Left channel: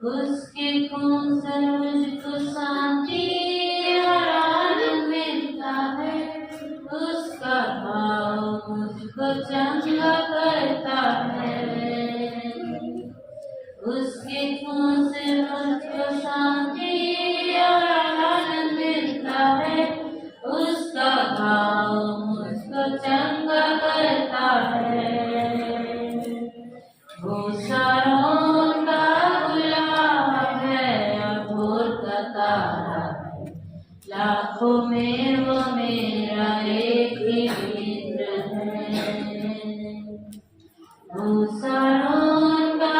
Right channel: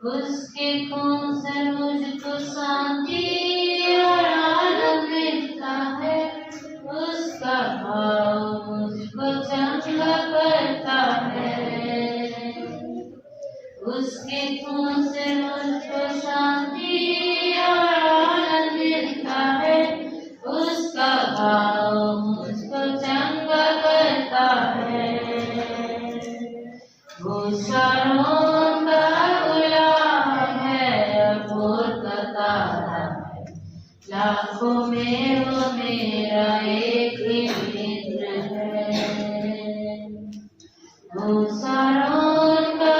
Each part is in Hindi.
उसके खून से मुझको शांति और आनंद मिलता है, उसका भाव मुझको चंगा करता है। उसके खून से मुझको शांति और आनंद मिलता है, उसका भाव मुझको चंगा करता है। वो सारों का गुलाम है और भोर का तारा है, लाखों में वो मेरा एक ही मित्र है। वो सारों का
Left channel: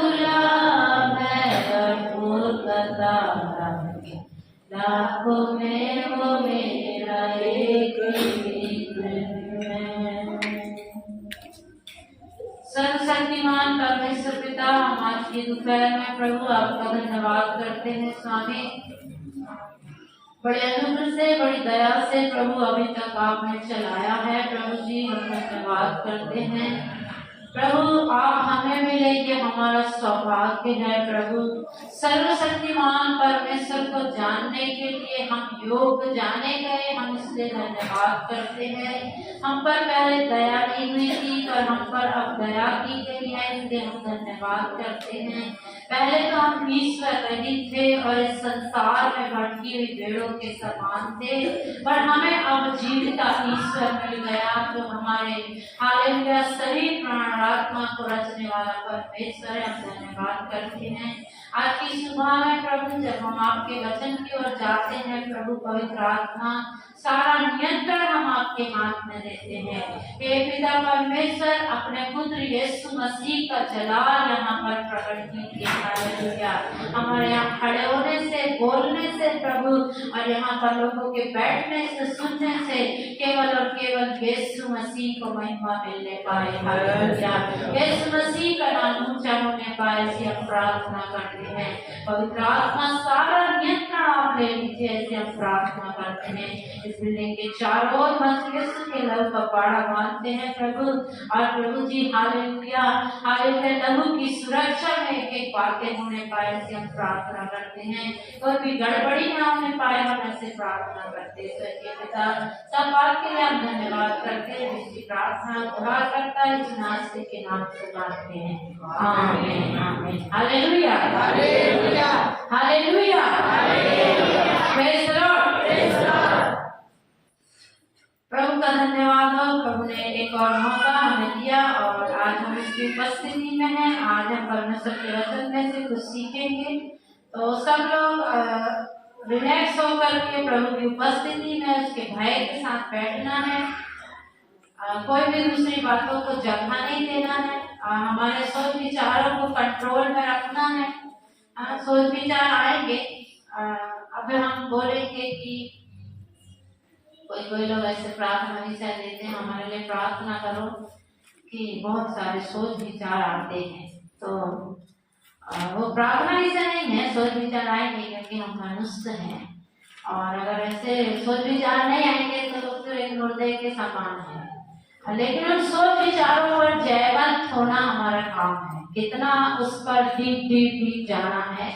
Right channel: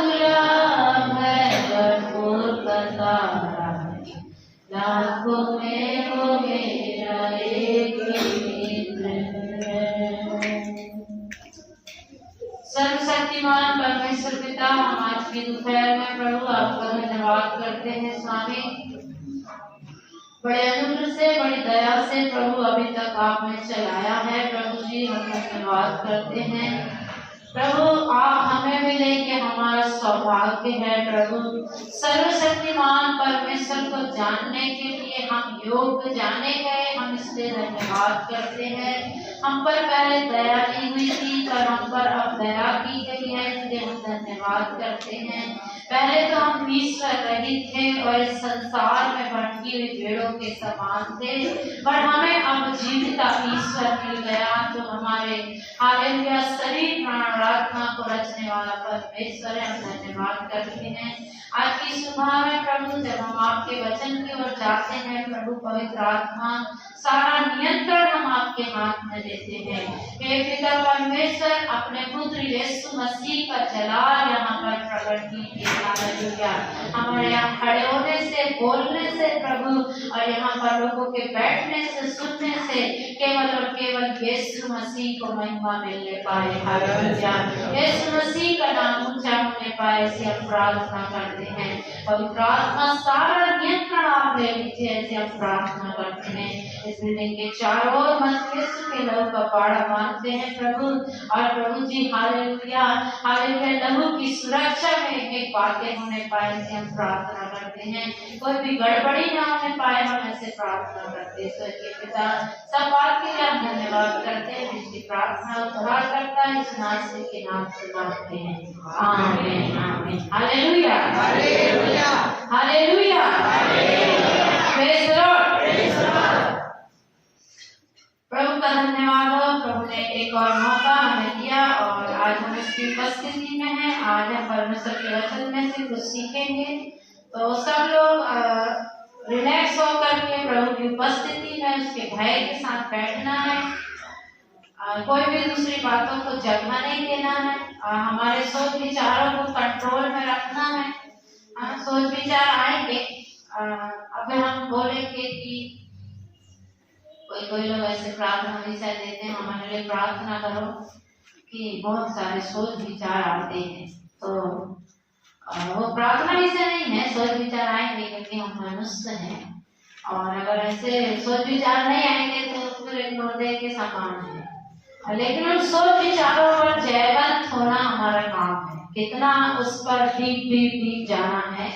गुलाम है और भोर का तारा है, लाखों में वो मेरा एक ही मित्र है। सर्वशक्तिमान परमेश्वर पिता, हम आज की दोपहर में प्रभु आपका धन्यवाद करते हैं। स्वामी, बड़े अनुग्रह से, बड़ी दया से प्रभु अभी तक आपने चलाया है। प्रभु जी, हम धन्यवाद करते हैं। प्रभु, आप हमें मिले कि हमारा सौभाग्य है। प्रभु, सर्वशक्तिमान परमेश्वर को जानने के लिए हम योग्य जाने गए, हम इसलिए धन्यवाद करते हैं। हम पर पहले दया की हुई थी और हम पर अब दया की गई है, इसलिए हम धन्यवाद करते हैं। पहले तो हम ईश्वर रहित थे और इस संसार में भटकी हुई भेड़ों के समान थे, पर हमें अब जीविता ईश्वर मिल गया, जो हमारे हालेलुया शरीर प्राण आत्मा को रचने वाला परमेश्वर है। हम धन्यवाद करते हैं। आज की सुबह में प्रभु, जब हम आपके वचन की ओर जाते हैं प्रभु, पवित्र आत्मा सारा नियंत्रण हम आपके हाथ में देते हैं। हे पिता परमेश्वर, अपने पुत्र यीशु मसीह का जलाल यहाँ पर प्रकट कीजिए। हालेलुया। हमारे यहाँ खड़े होने से, बोलने से प्रभु, और यहाँ पर लोगों के बैठने से, सुनने से केवल और केवल यीशु मसीह को महिमा मिलने पाए। हालेलुया। यीशु मसीह का नाम ऊंचा होने पाए, ऐसी हम प्रार्थना करते हैं। पवित्र आत्मा सारा नियंत्रण आप ले लीजिए, ऐसे हम प्रार्थना करते हैं। इस बिल्डिंग के चारों ओर यीशु के लहू का पाड़ा बांधते हैं प्रभु, और प्रभु जी हालेलुया हालेलुया, लहू की सुरक्षा में एक बातें होने पाए, ऐसे हम प्रार्थना करते हैं। कोई भी गड़बड़ी ना होने पाए, हम ऐसे प्रार्थना करते हैं। स्वर्गीय पिता, सब बात के लिए हम धन्यवाद करते हैं। जिसकी प्रार्थना खुदा करता है, इस नाम के नाम से मांगते हैं, आमीन आमीन। Hallelujah hallelujah hallelujah, praise the lord, praise the lord. प्रभु का धन्यवाद हो, प्रभु ने एक और मौका हमें दिया और आज हम इसकी उपस्थिति में हैं। आज हम परमेश्वर के वचन में से कुछ सीखेंगे, तो सब लोग रिलैक्स होकर के प्रभु की उपस्थिति में उसके भय के साथ बैठना है। कोई भी दूसरी बातों को जगह नहीं देना है। हमारे सोच विचारों को कंट्रोल में रखना है। सोच विचार आएंगे, अब हम बोलेंगे कि कोई लोग ऐसे प्रार्थना हमेशा देते हैं, हमारे लिए प्रार्थना करो, कि बहुत सारे सोच विचार आते हैं। तो वो प्रार्थना ऐसे नहीं है, सोच विचार आएंगे क्योंकि हम मनुष्य हैं, और अगर ऐसे सोच विचार नहीं आएंगे तो फिर एक मुर्दे के समान है। लेकिन उन सोच विचारों पर जयवंत होना हमारा काम है। कितना उस पर डीप जाना है,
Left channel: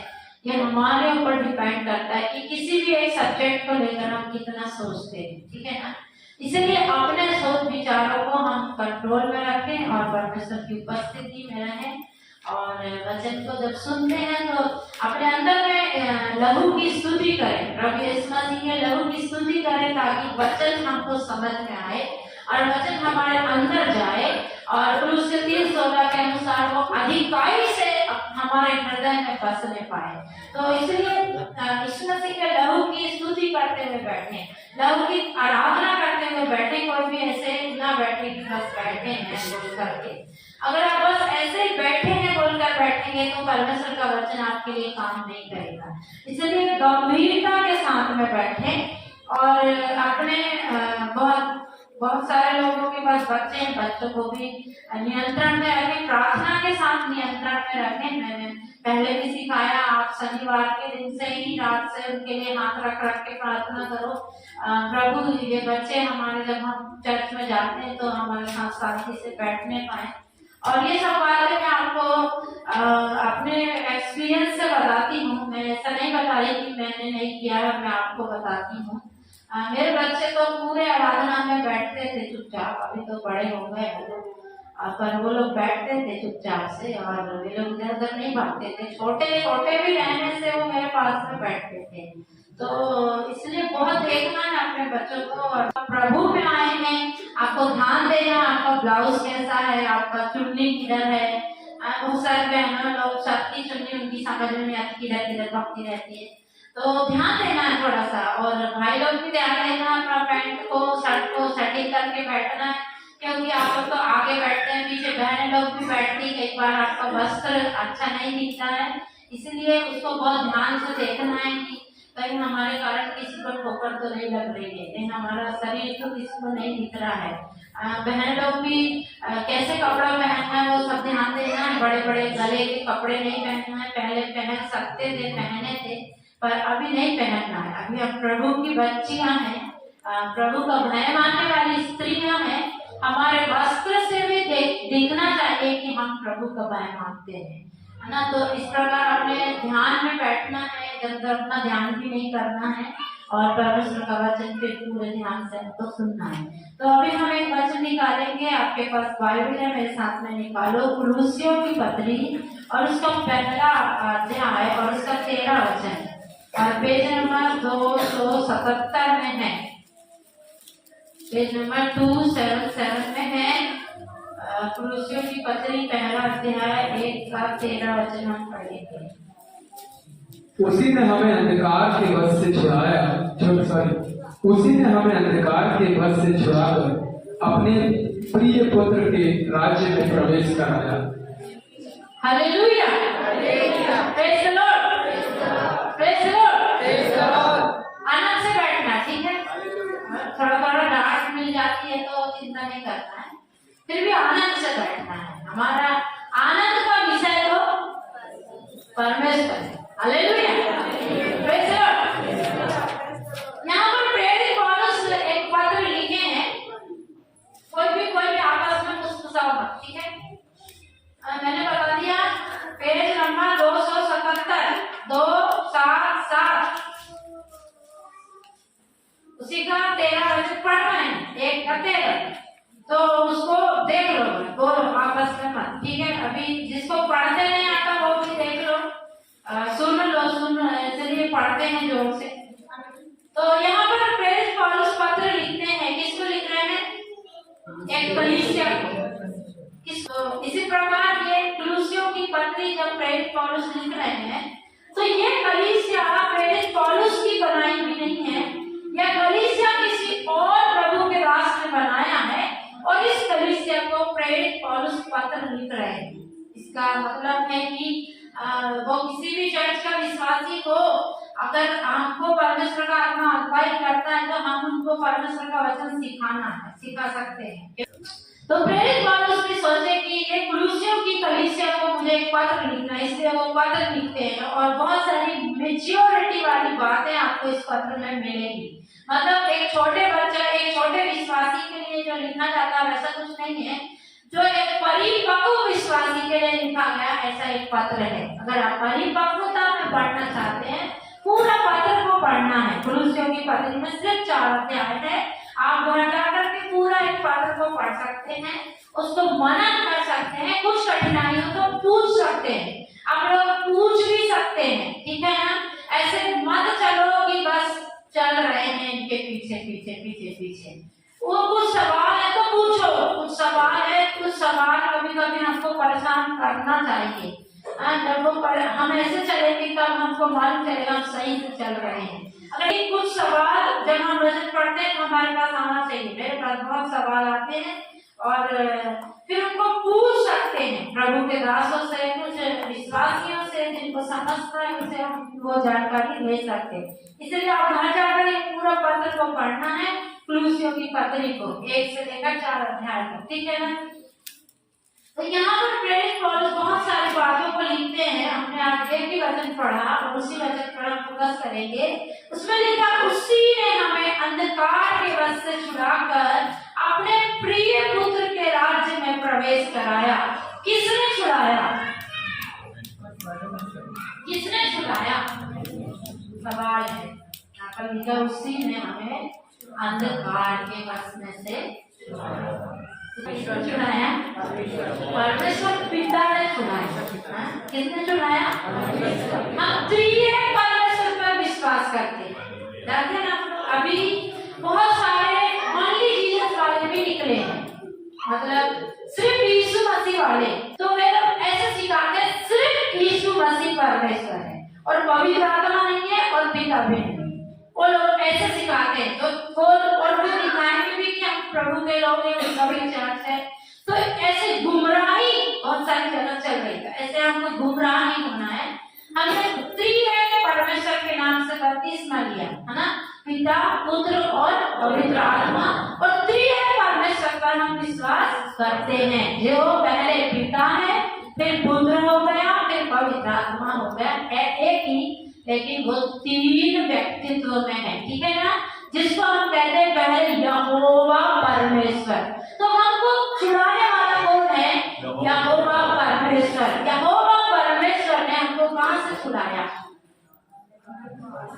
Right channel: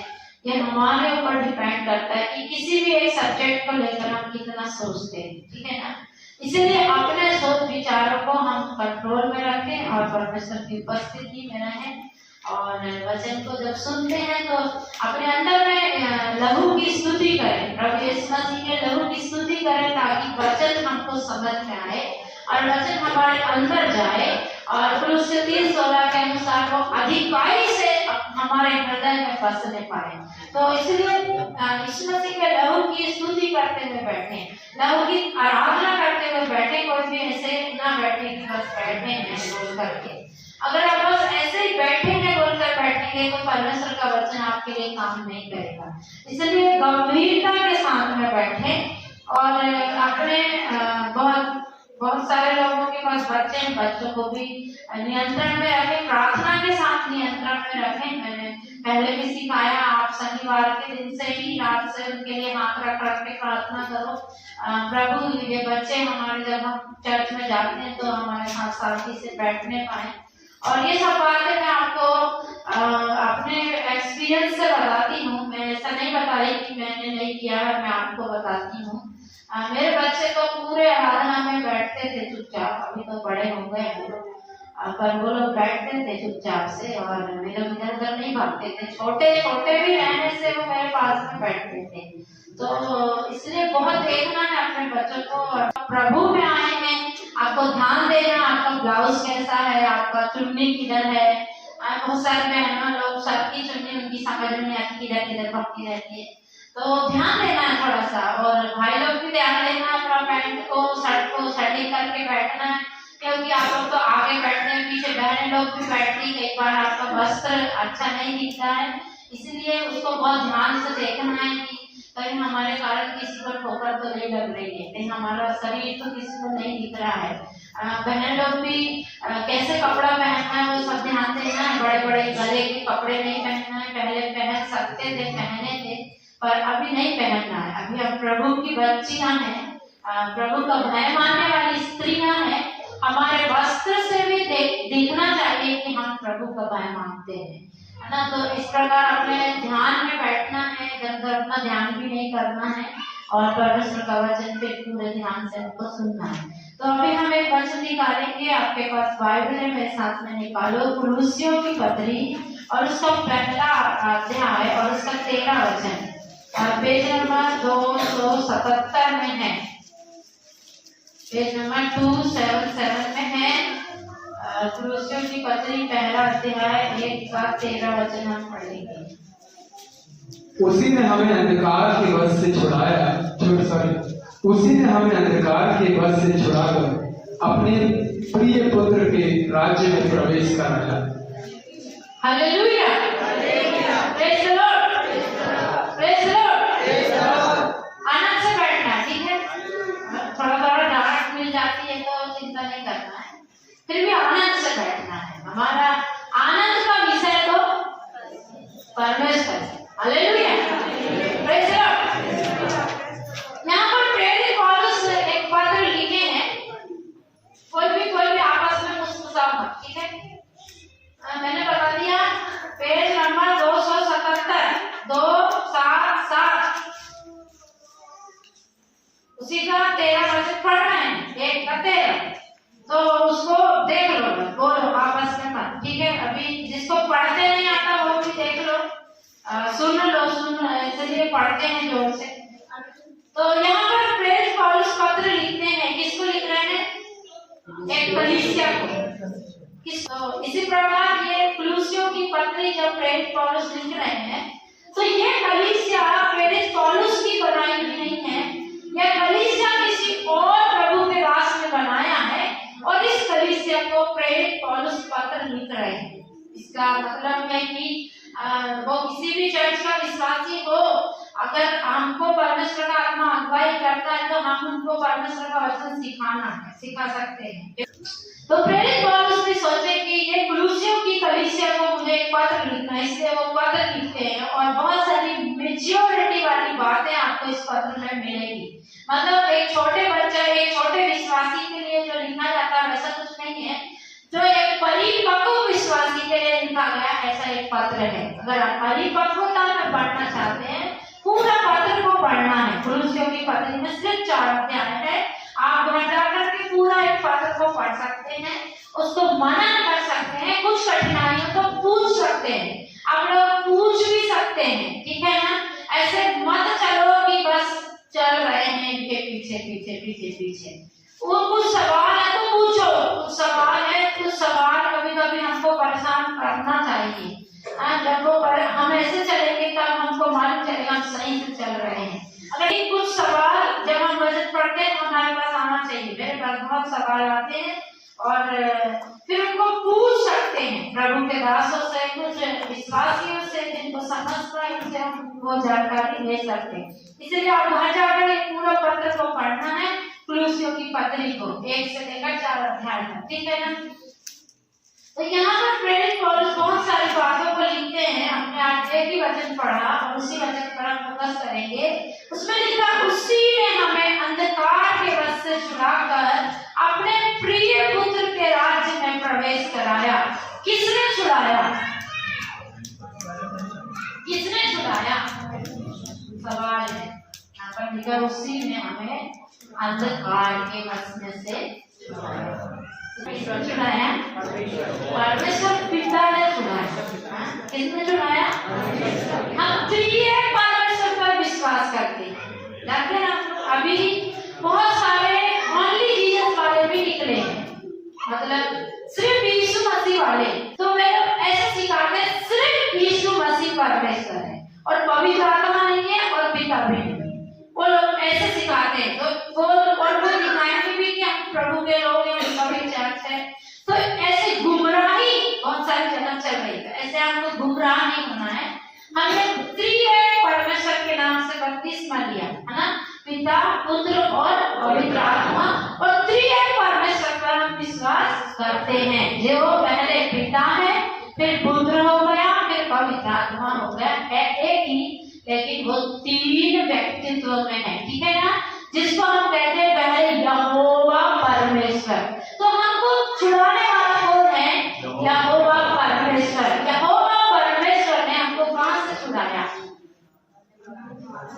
ये हमारे ऊपर डिपेंड करता है कि किसी भी एक सब्जेक्ट को लेकर हम कितना सोचते हैं, ठीक है ना। इसलिए अपने सोच विचारों को हम कंट्रोल में रखें और परमेश्वर की उपस्थिति में रहें, और वचन को जब सुनते हैं तो अपने अंदर में लहू की स्तुति करें, प्रभु यीशु मसीह के लहू की स्तुति करें, ताकि वचन हमको समझ में आए और वचन हमारे अंदर जाए, और कुलुस्सी 3:16 के अनुसार वो अधिकाई से हमारे हृदय में बसने पाए। तो इसलिए यीशु मसीह के लहू की स्तुति करते हुए बैठे, लहू की आराधना करते हुए बैठे। कोई भी ऐसे ना बैठे कि बस बैठे हैं बोल करके। अगर आप बस ऐसे ही बैठेंगे बोलकर बैठेंगे तो परमेश्वर का वचन आपके लिए काम नहीं करेगा। इसलिए गंभीरता के साथ में बैठे, और अपने बहुत सारे लोगों के पास बच्चे हैं, बच्चों को भी नियंत्रण में रखें, प्रार्थना के साथ नियंत्रण में रखें। मैंने पहले भी सिखाया, आप शनिवार के दिन से ही रात से उनके लिए हाथ रख के प्रार्थना करो, प्रभु ये बच्चे हमारे जब हम चर्च में जाते हैं तो हमारे साथ शांति से बैठने पाए। और ये सब बातें मैं आपको अपने एक्सपीरियंस से मैंने नहीं किया है, मैं आपको बताती हूँ। मेरे बच्चे तो पूरे आराधना में बैठते थे चुपचाप, अभी तो बड़े हो गए वो लोग, पर वो लोग बैठते थे चुपचाप से और वे लोग इधर उधर नहीं भागते थे। छोटे छोटे भी रहने से वो मेरे पास में बैठते थे। तो इसलिए बहुत देखना है अपने बच्चों को। और प्रभु में आए हैं, आपको ध्यान देना, आपका ब्लाउज कैसा है, आपका चुन्नी किधर है। बहुत सारे बहनों लोग सबकी चुन्नी उनकी समझ में नहीं आती, किधर किधर भक्ति रहती है, तो ध्यान देना है थोड़ा सा। और भाई लोग भी ध्यान देना, अपना पैंट को शर्ट को सटीक करके बैठना है, क्योंकि आप लोग तो आगे बैठते हैं, पीछे बहनें लोग भी बैठती, कई बार आपका वस्त्र अच्छा नहीं दिखता है, इसलिए उसको बहुत ध्यान से देखना है कि कहीं हमारे कारण किसी को ठोकर तो नहीं लग रही है, कहीं हमारा शरीर तो किसी को नहीं दिख रहा है। बहन लोग भी कैसे कपड़ा पहनना है वो सब ध्यान देना है। बड़े बड़े गले के कपड़े नहीं पहनना है, पहले पहन सकते थे, पहने थे, पर अभी नहीं पहनना है। अभी हम प्रभु की बच्चियां हैं, प्रभु का भय मानने वाली स्त्रियां हैं, हमारे वस्त्र से भी दिखना चाहिए कि हम प्रभु का भय मानते हैं, है ना। तो इस प्रकार अपने ध्यान में बैठना है, इधर उधर अपना ध्यान भी नहीं करना है और परमेश्वर का वचन पे पूरे ध्यान से हमको सुनना है। तो अभी हम एक वचन निकालेंगे, आपके पास बाइबल है, मेरे साथ में निकालो। कुलुस्सियों की पत्री और उसका पहला अध्याय और उसका 13 वचन, और पेज नंबर 277 में है, पेज नंबर 277 में है। कुलुस्सियों की पत्री पहला अध्याय 1 का 13 वचन हम पढ़ेंगे। उसी ने हमें अंधकार के वश से छुड़ाया, उसी ने हमें अंधकार के वश से छुड़ाकर अपने प्रिय पुत्र के राज्य में प्रवेश कराया। Hallelujah, praise the lord, praise the lord. आनंद से बैठना, ठीक है। थोड़ा थोड़ा डांट मिल जाती है तो चिंता नहीं करना है, फिर भी आनंद से बैठना है। हमारा आनंद का विषय तो परमेश्वर है। Hallelujah, praise the Lord. यहाँ पर प्रेरित पौलुस एक पत्र लिखे हैं, कोई भी आपस में मुस्कुराओ मत, ठीक है। मैंने बता दिया, पेज नंबर 277, 277, उसी का 13 वचन पढ़ रहे हैं, 1 का 13, तो उसको देख लो, बोलो आपस में मत, ठीक है। अभी जिसको पढ़ते नहीं आता वो भी देख लो, सुन लो, चलिए पढ़ते हैं जोर से। तो यहाँ पर प्रेरित पौलुस पत्र लिखते हैं, किसको लिख रहे हैं? एक कलीसिया को। इसी प्रकार ये कुलुस्सियों की पत्री जब प्रेरित पौलुस लिख रहे हैं, तो ये कलीसिया प्रेरित पौलुस की बनाई हुई नहीं है, यह कलीसिया किसी और प्रभु के रास्ते में बनाया है, और इस कलीसिया को प्रेरित पौलुस पत्र लिख रहे हैं। इसका मतलब है कि वो किसी भी चर्च का विश्वासी हो, अगर हमको परमेश्वर का आत्मा अगुवाई करता है तो हम उनको परमेश्वर का वचन सिखा सकते हैं। तो प्रेरित पौलुस भी सोचे कि ये कुलुस्सियों की कलीसिया को मुझे एक पत्र लिखना है, इसलिए वो पत्र लिखते हैं, और बहुत सारी मैच्योरिटी वाली बातें आपको इस पत्र में मिलेगी। मतलब एक छोटे बच्चा, एक छोटे विश्वासी के लिए जो लिखा जाता है वैसा कुछ नहीं है, जो एक परिपक्व विश्वासी के लिए लिखा गया ऐसा एक पत्र है। अगर आप परिपक्वता में बढ़ना चाहते हैं, पूरा पत्र को पढ़ना है। कुलुस्सियों की पत्री में सिर्फ 4 अध्याय है, आप घर जाकर के पूरा एक पत्र को पढ़ सकते हैं, उसको मनन कर सकते हैं, कुछ कठिनाइयों को पूछ सकते हैं, आप लोग पूछ भी सकते हैं, ठीक है ना। ऐसे मत चलो कि बस चल रहे हैं इनके पीछे पीछे पीछे पीछे। वो कुछ सवाल है तो पूछो, कुछ सवाल है, कुछ सवाल कभी कभी हमको परेशान करना चाहिए। जब वो हम ऐसे चलेंगे तब हमको मालूम चलेगा हम सही से चल रहे हैं। अगर ये कुछ सवाल जब हम वचन पढ़ते हैं तो हमारे पास आना चाहिए। मेरे पास बहुत सवाल आते हैं और फिर उनको पूछ सकते हैं प्रभु के दासों से, कुछ विश्वासियों से जिनको समझते हैं उनसे हम वो जानकारी ले सकते हैं। इसलिए आप घर जाकर ये पूरा पत्र को पढ़ना है, कुलुस्सियों की पत्री को 1 से लेकर 4 अध्याय तक, ठीक है ना। तो यहाँ पर प्रेरित पौलुस बहुत सारी बातों को लिखते हैं। हमने आज एक ही वचन पढ़ा और उसी वचन पर हम फोकस करेंगे। उसमें लिखा, उसी ने हमें अंधकार के वश से छुड़ाकर अपने प्रिय पुत्र के राज्य में प्रवेश कराया। किसने छुड़ाया? किसने छुड़ाया? सवाल बनकर उसी ने हमें अंधकार के वश में से चुनाया। परमेश्वर पिता ने चुनाया। किसने चुनाया? हम त्रिएक परमेश्वर पर विश्वास करते हैं। जानते हैं ना, अभी बहुत सारे ओनली जीसस वाले भी निकले हैं, मतलब सिर्फ यीशु मसीह वाले। तो वे लोग ऐसे सिखाते हैं सिर्फ यीशु मसीह परमेश्वर है और पवित्र आत्मा नहीं है और पिता भी नहीं। वो लोग ऐसे सिखाते हैं। तो वो और वो दिखाएंगे भी कि हम प्रभु के लोग हैं, कभी चर्च है। तो ऐसे गुमराही बहुत सारी जगह चल रही है। ऐसे हमको गुमराह नहीं होना है। हमने त्रिएक परमेश्वर के नाम से बपतिस्मा लिया है ना, पिता पुत्र और पवित्र आत्मा। और त्रिएक परमेश्वर पर हम विश्वास करते हैं, जो पहले पिता है, फिर पुत्र हो गया, फिर पवित्र आत्मा हो गया। है एक ही, लेकिन वो तीन व्यक्तित्व में है। ठीक है ना, जिसको हम कहते हैं पहले यहोवा परमेश्वर। तो हमको छुड़ाने वाला कौन है? यहोवा परमेश्वर। यहोवा परमेश्वर ने हमको कहां से छुड़ाया?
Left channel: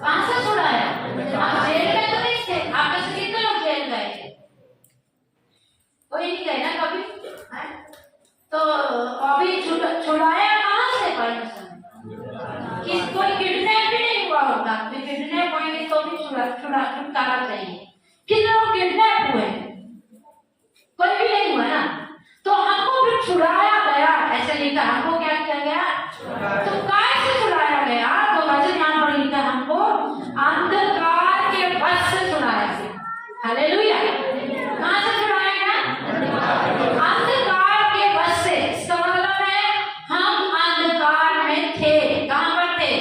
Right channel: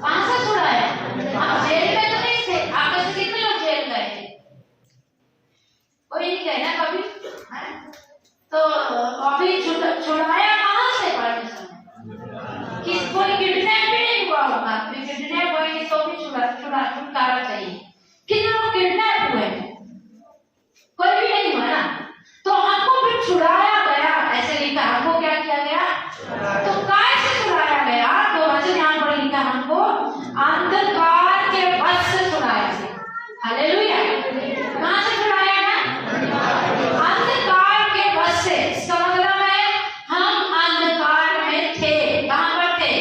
कहां से छुड़ाया? आप जेल में तो नहीं थे। आप में से कितने लोग जेल गए थे? कोई नहीं गए ना कभी? तो अभी छुड़ाया कहां से परमेश्वर ने? किस कोई किडनैप भी नहीं हुआ होगा। किडनैप होंगे तो भी छुटकारा चाहिए। कितने लोग किडनैप हुए? कोई भी नहीं हुआ ना। तो हमको फिर छुड़ाया गया, ऐसे लिखा। हमको क्या किया गया? तो कैसे छुड़ाया गया? तो वचन यहाँ पर लिखा, हमको अंधकार के वश से छुड़ाया गया। हालेलुया। कहां से छुड़ाया गया? अंधकार के वश से। इसका मतलब है हम अंधकार में थे। कहां पर थे?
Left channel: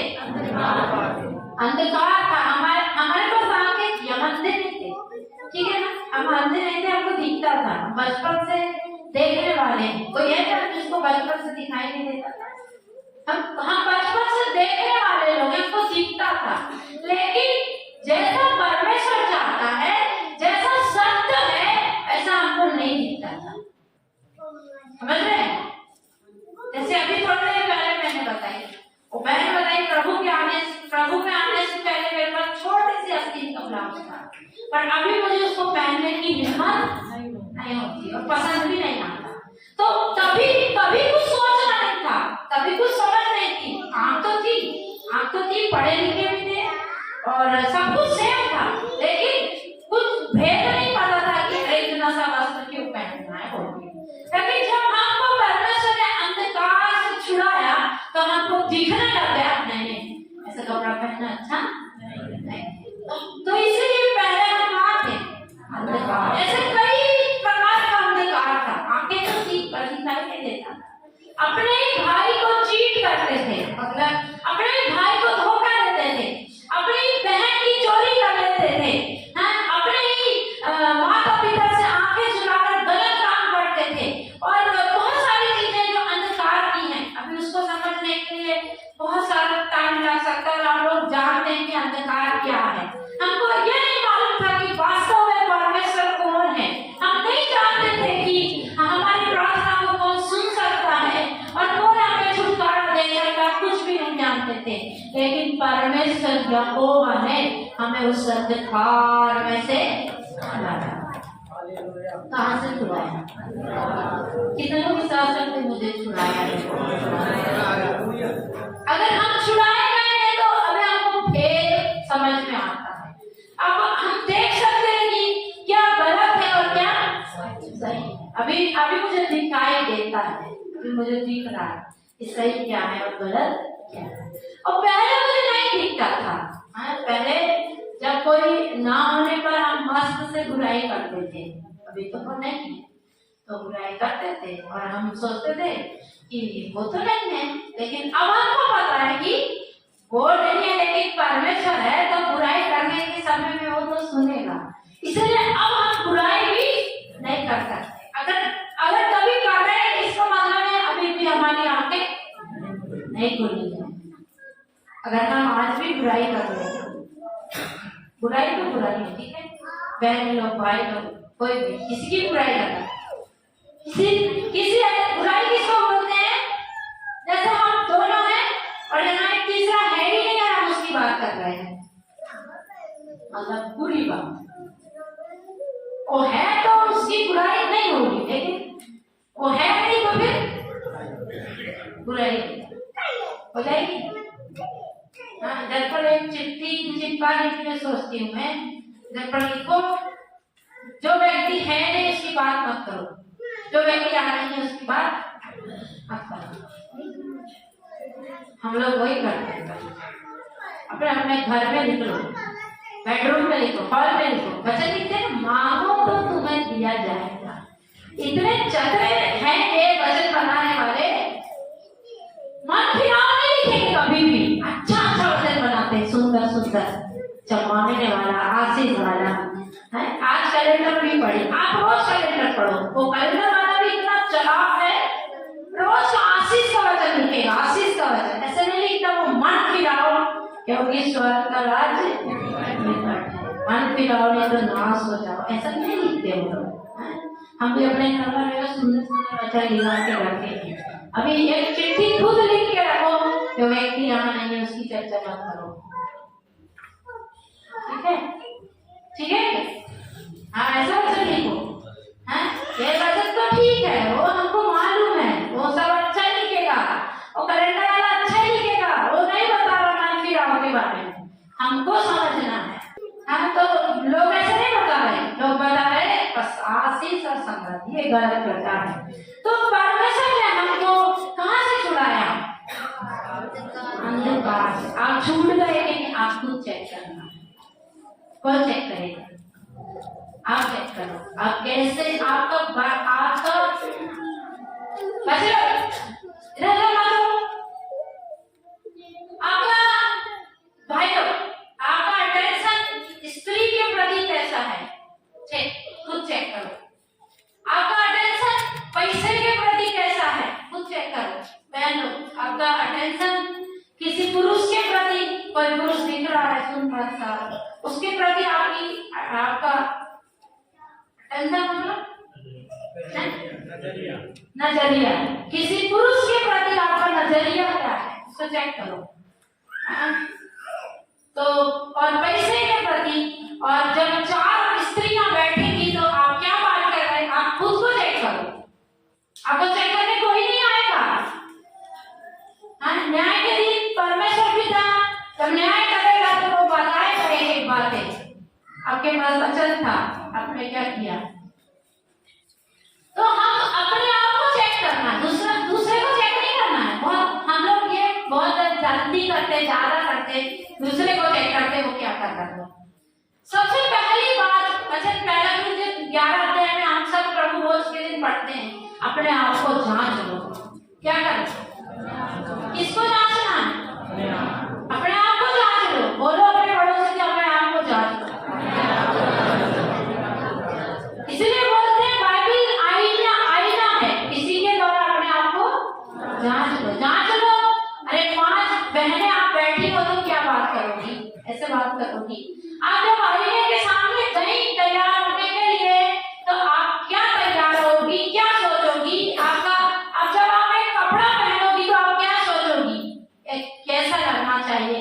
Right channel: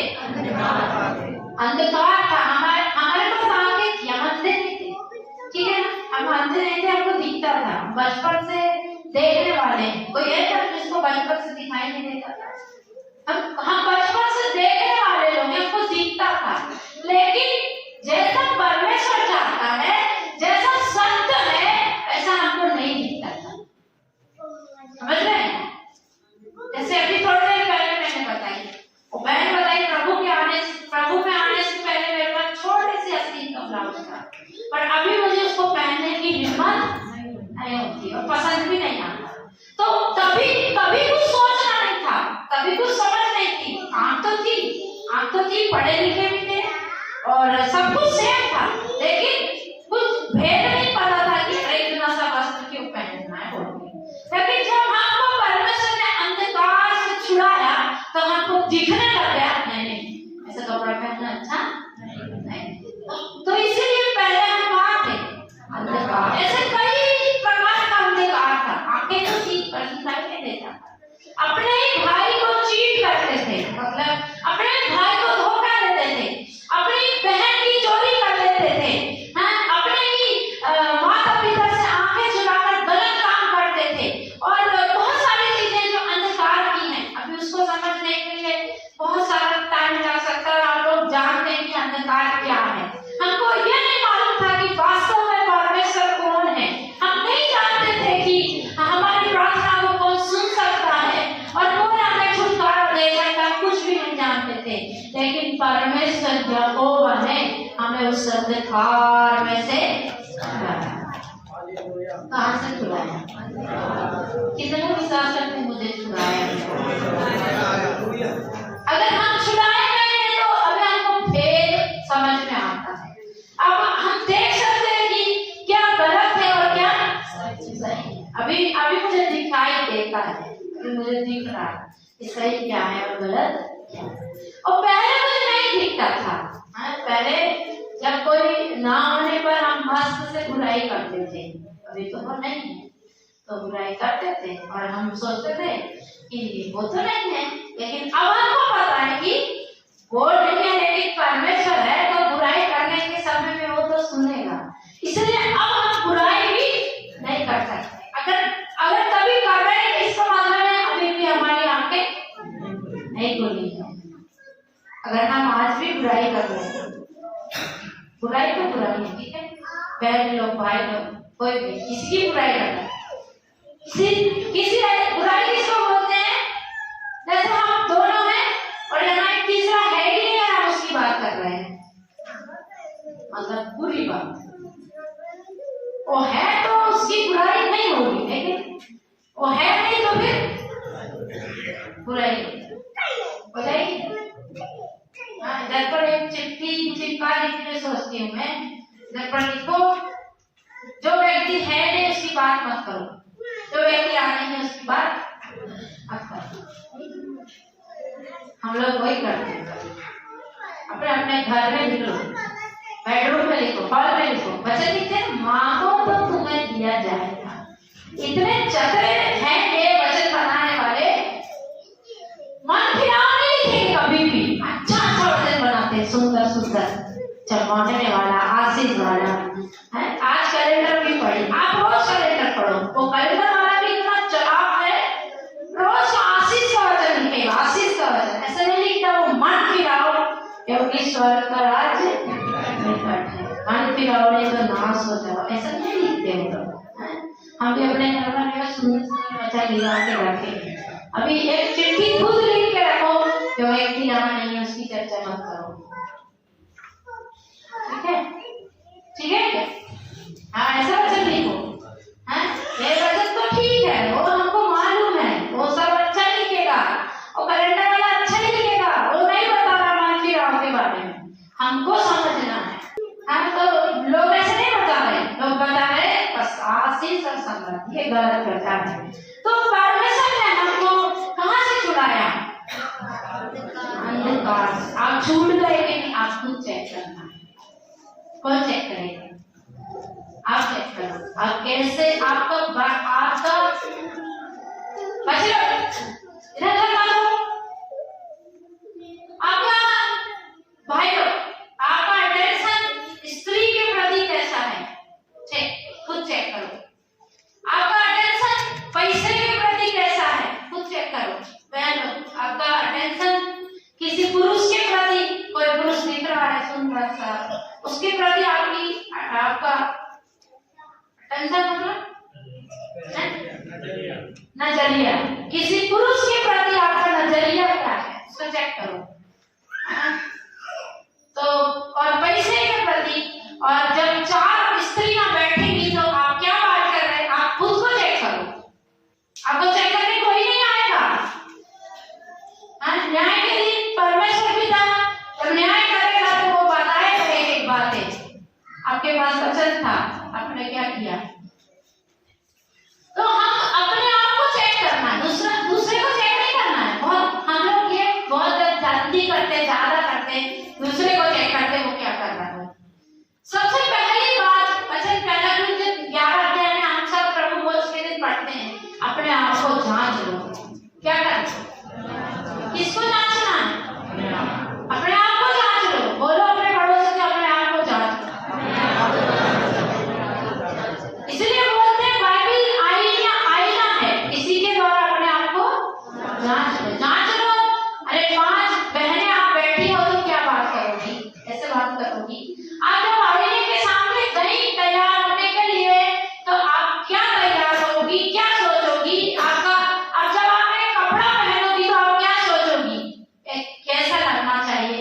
अंधकार था। हमारे पास आंखें थी, हम अंधे नहीं थे। ठीक है ना, हम अंधे नहीं थे, हमको दिखता था। बचपन से देखने वाले हैं। कोई है क्या जिसको बचपन से दिखाई नहीं देता था? हम बचपन से देखने वाले लोग, हमको दिखता था। लेकिन जैसा परमेश्वर चाहता है, जैसा सत्य है, ऐसा हमको नहीं दिखता था। समझ रहे हैं? जैसे अभी थोड़ी देर पहले मैंने बताई, वो बहन बताई प्रभु में आने से पहले मेरे पास छोटे से आस्तीन का ब्लाउज था, पर अभी मुझे उसको पहनने की हिम्मत नहीं होती और पसंद भी नहीं आता। तो तभी कभी कुछ सोचना नहीं था, कभी कुछ समझ नहीं थी। आंख तो थी, पढ़े लिखे भी थे और सब कुछ सेम था, लेकिन कुछ भेद नहीं पता था कि इतना सा वस्त्र क्यों पहनना है बोल के। लेकिन जब हमको परमेश्वर ने अंधकार से छुड़ाया तो हमको दिखने लग गया, नहीं ऐसा कपड़ा पहनना अच्छा नहीं। तो इसीलिए पहले हम कहाँ थे? अंधकार। ऐसे कई प्रकार का अंधकार था। आंखें तो थी पर दिखाई नहीं देता। अपने ही भाई को चीट करते थे, मतलब अपने ही भाई को धोखा देते थे, अपनी बहन की चोरी कर लेते थे, अपने ही माता पिता से आंखें चुराकर गलत काम करते थे और बहुत सारी चीजें जो अंधकार की हैं। अभी उसको समझने के लिए बहुत सारा टाइम लग सकता है। आप लोग जानते हैं कि अंधकार क्या है। हमको ये नहीं मालूम था कि वास्तव में परमेश्वर कौन है। हम नहीं जानते थे कि हमारी प्रार्थना को कौन सुन सकता है और कौन हमें छुटकारा दे सकता है, कुछ भी नहीं जानते थे। लेकिन परमेश्वर यहोवा ने हमें उस अंधकार में से छुड़ाया। कहां से छुड़ाया? कितने लोग विश्वास करते हैं मुझे छुड़ाया? अगर हम छुड़ाए गए हैं तो अभी हमको भेद समझ में आता है। अब हम देख सकते हैं कि क्या गलत है और क्या सही है। अभी मुझे दिखाई देता है, अभी मुझे दिख रहा है कि सही क्या है और गलत क्या है। और पहले मुझे नहीं दिखता था। पहले जब कोई ना होने पर हम मस्त से बुराई करते थे। अभी तो वो नहीं है तो बुराई करते थे और हम सोचते थे कि वो तो नहीं है। लेकिन अब हमको पता है कि वो नहीं है, लेकिन परमेश्वर है, तो बुराई करने के समय में वो तो सुनेगा। इसलिए अब हम बुराई भी नहीं कर सकते। अगर कभी कर रहे हैं, इसका मतलब है अभी भी हमारी आंखें नहीं खुली है। अगर हम आज भी बुराई कर रहे हैं, बुराई तो बुराई है, ठीक है, बहन लोग, भाई लोग, कोई भी किसी की बुराई कर रहा है, किसी बुराई किसको बोलते हैं? जैसे हम दोनों हैं और यहाँ एक तीसरा है ही नहीं, हम उसकी बात कर रहे हैं, मतलब बुरी बात। वो है तो उसकी बुराई नहीं होगी, लेकिन वो है नहीं तो फिर बुराई हो जाएगी। हाँ, दर्पण एक चिट्ठी चिपकाने के लिए सोचती हूँ मैं, दर्पण लिखो जो व्यक्ति है नहीं उसकी बात मत करो, जो व्यक्ति आ नहीं है उसकी बात मत करो। हम लोग वही करते हैं। अपने अपने घर में लिख लो, बेडरूम में लिखो, हॉल में लिखो, वचन लिखते हैं मांगो तो तुम्हें दिया जाएगा। इतने चतुर हैं ये वचन बनाने वाले, मन फिराव नहीं लिखेंगे कभी भी, अच्छा अच्छा वचन बनाते हैं, सुंदर सुंदर, चमकाने वाला, आशीष वाला है। आज कैलेंडर भी पढ़ी, आप रोज कैलेंडर पढ़ो, वो कैलेंडर वाला भी इतना चलाक है, रोज आशीष का वचन लिखेगा, आशीष का वचन ऐसे नहीं लिखता वो मन फिराव, क्योंकि स्वर्ग का राज्य निकट है, मन फिराव नहीं तो नाश हो जाओ, ऐसा नहीं लिखते हो। हम भी अपने घर में सुंदर सुंदर वचन लिखा के रखे। अभी एक चिट्ठी खुद लिख के रखो, जो व्यक्ति यहाँ नहीं है उसकी चर्चा मत करो, ठीक है? ठीक है? हाँ, ऐसा वचन लिखो। हाँ, ये वचन तो ठीक है, वो हमको मालूम है, वो सब अच्छा लिखेगा, वो कैलेंडर वाला अच्छा लिखेगा, वो नहीं बता रहा मान फिराव के बारे में, हमको समझना है। हम तो लोग ऐसे नहीं बता रहे, लोग बता रहे बस आशीष और समृद्धि, ये गलत प्रचार है। तो परमेश्वर ने हमको कहाँ से छुड़ाया? अंधकार। आप छूट गए कि आप खुद चेक करना, कौन चेक करेगा? आप चेक करो, आप कैसे आपका बच्चे इधर मानो, आपका भाई आपका अटेंशन स्त्री के प्रति कैसा है, चेक खुद चेक करो। आपका अटेंशन पैसे के प्रति कैसा है, खुद चेक करो। बहनों, आपका अटेंशन किसी पुरुष के प्रति, कोई पुरुष दिख रहा है सुंदर सा, उसके प्रति आपका अटेंशन मतलब नजरिया, किसी पुरुष के प्रति आपका नजरिया क्या है, उसको चेक करो। तो और पैसे के प्रति, और जब 4 स्त्रियां बैठेंगी तो आप क्या बात कर रहे हैं, आप खुद को चेक करो। आपको चेक करके कोई नहीं आएगा। न्याय के दिन परमेश्वर भी था, जब न्याय करेगा तो वो बताएगा एक बातें, आपके पास वचन था, आपने क्या किया। तो हम अपने आप को चेक करना है, दूसरे को चेक नहीं करना है। बहुत हम लोग ये बहुत जल्दी करते, ज्यादा करते, दूसरे को चेक करते वो क्या कर रहा है। सबसे पहली बात वचन पहला कुरिन्थियों 11 अध्याय में हम सब प्रभु भोज के दिन पढ़ते हैं, अपने आप को जांच लो। क्या करना? किसको जांचना? अपने आप को जांच लो। बोलो अपने पड़ोसी को अपने आप को जांच लो। इसलिए बोलते हैं बाइबल आईना है, इसी के द्वारा अपने आप को जांच लो, जांच लो। अरे 5 बहनें आप बैठी हो तो क्या बात करोगी, ऐसे बात करोगी। आप जब आईने के सामने गई तैयार होने के लिए तो आप क्या तैयार होगी, क्या सोचोगी? आपका अब जब आप एक कपड़ा पहनोगी तो आप क्या सोचोगी, कैसा लगना चाहिए,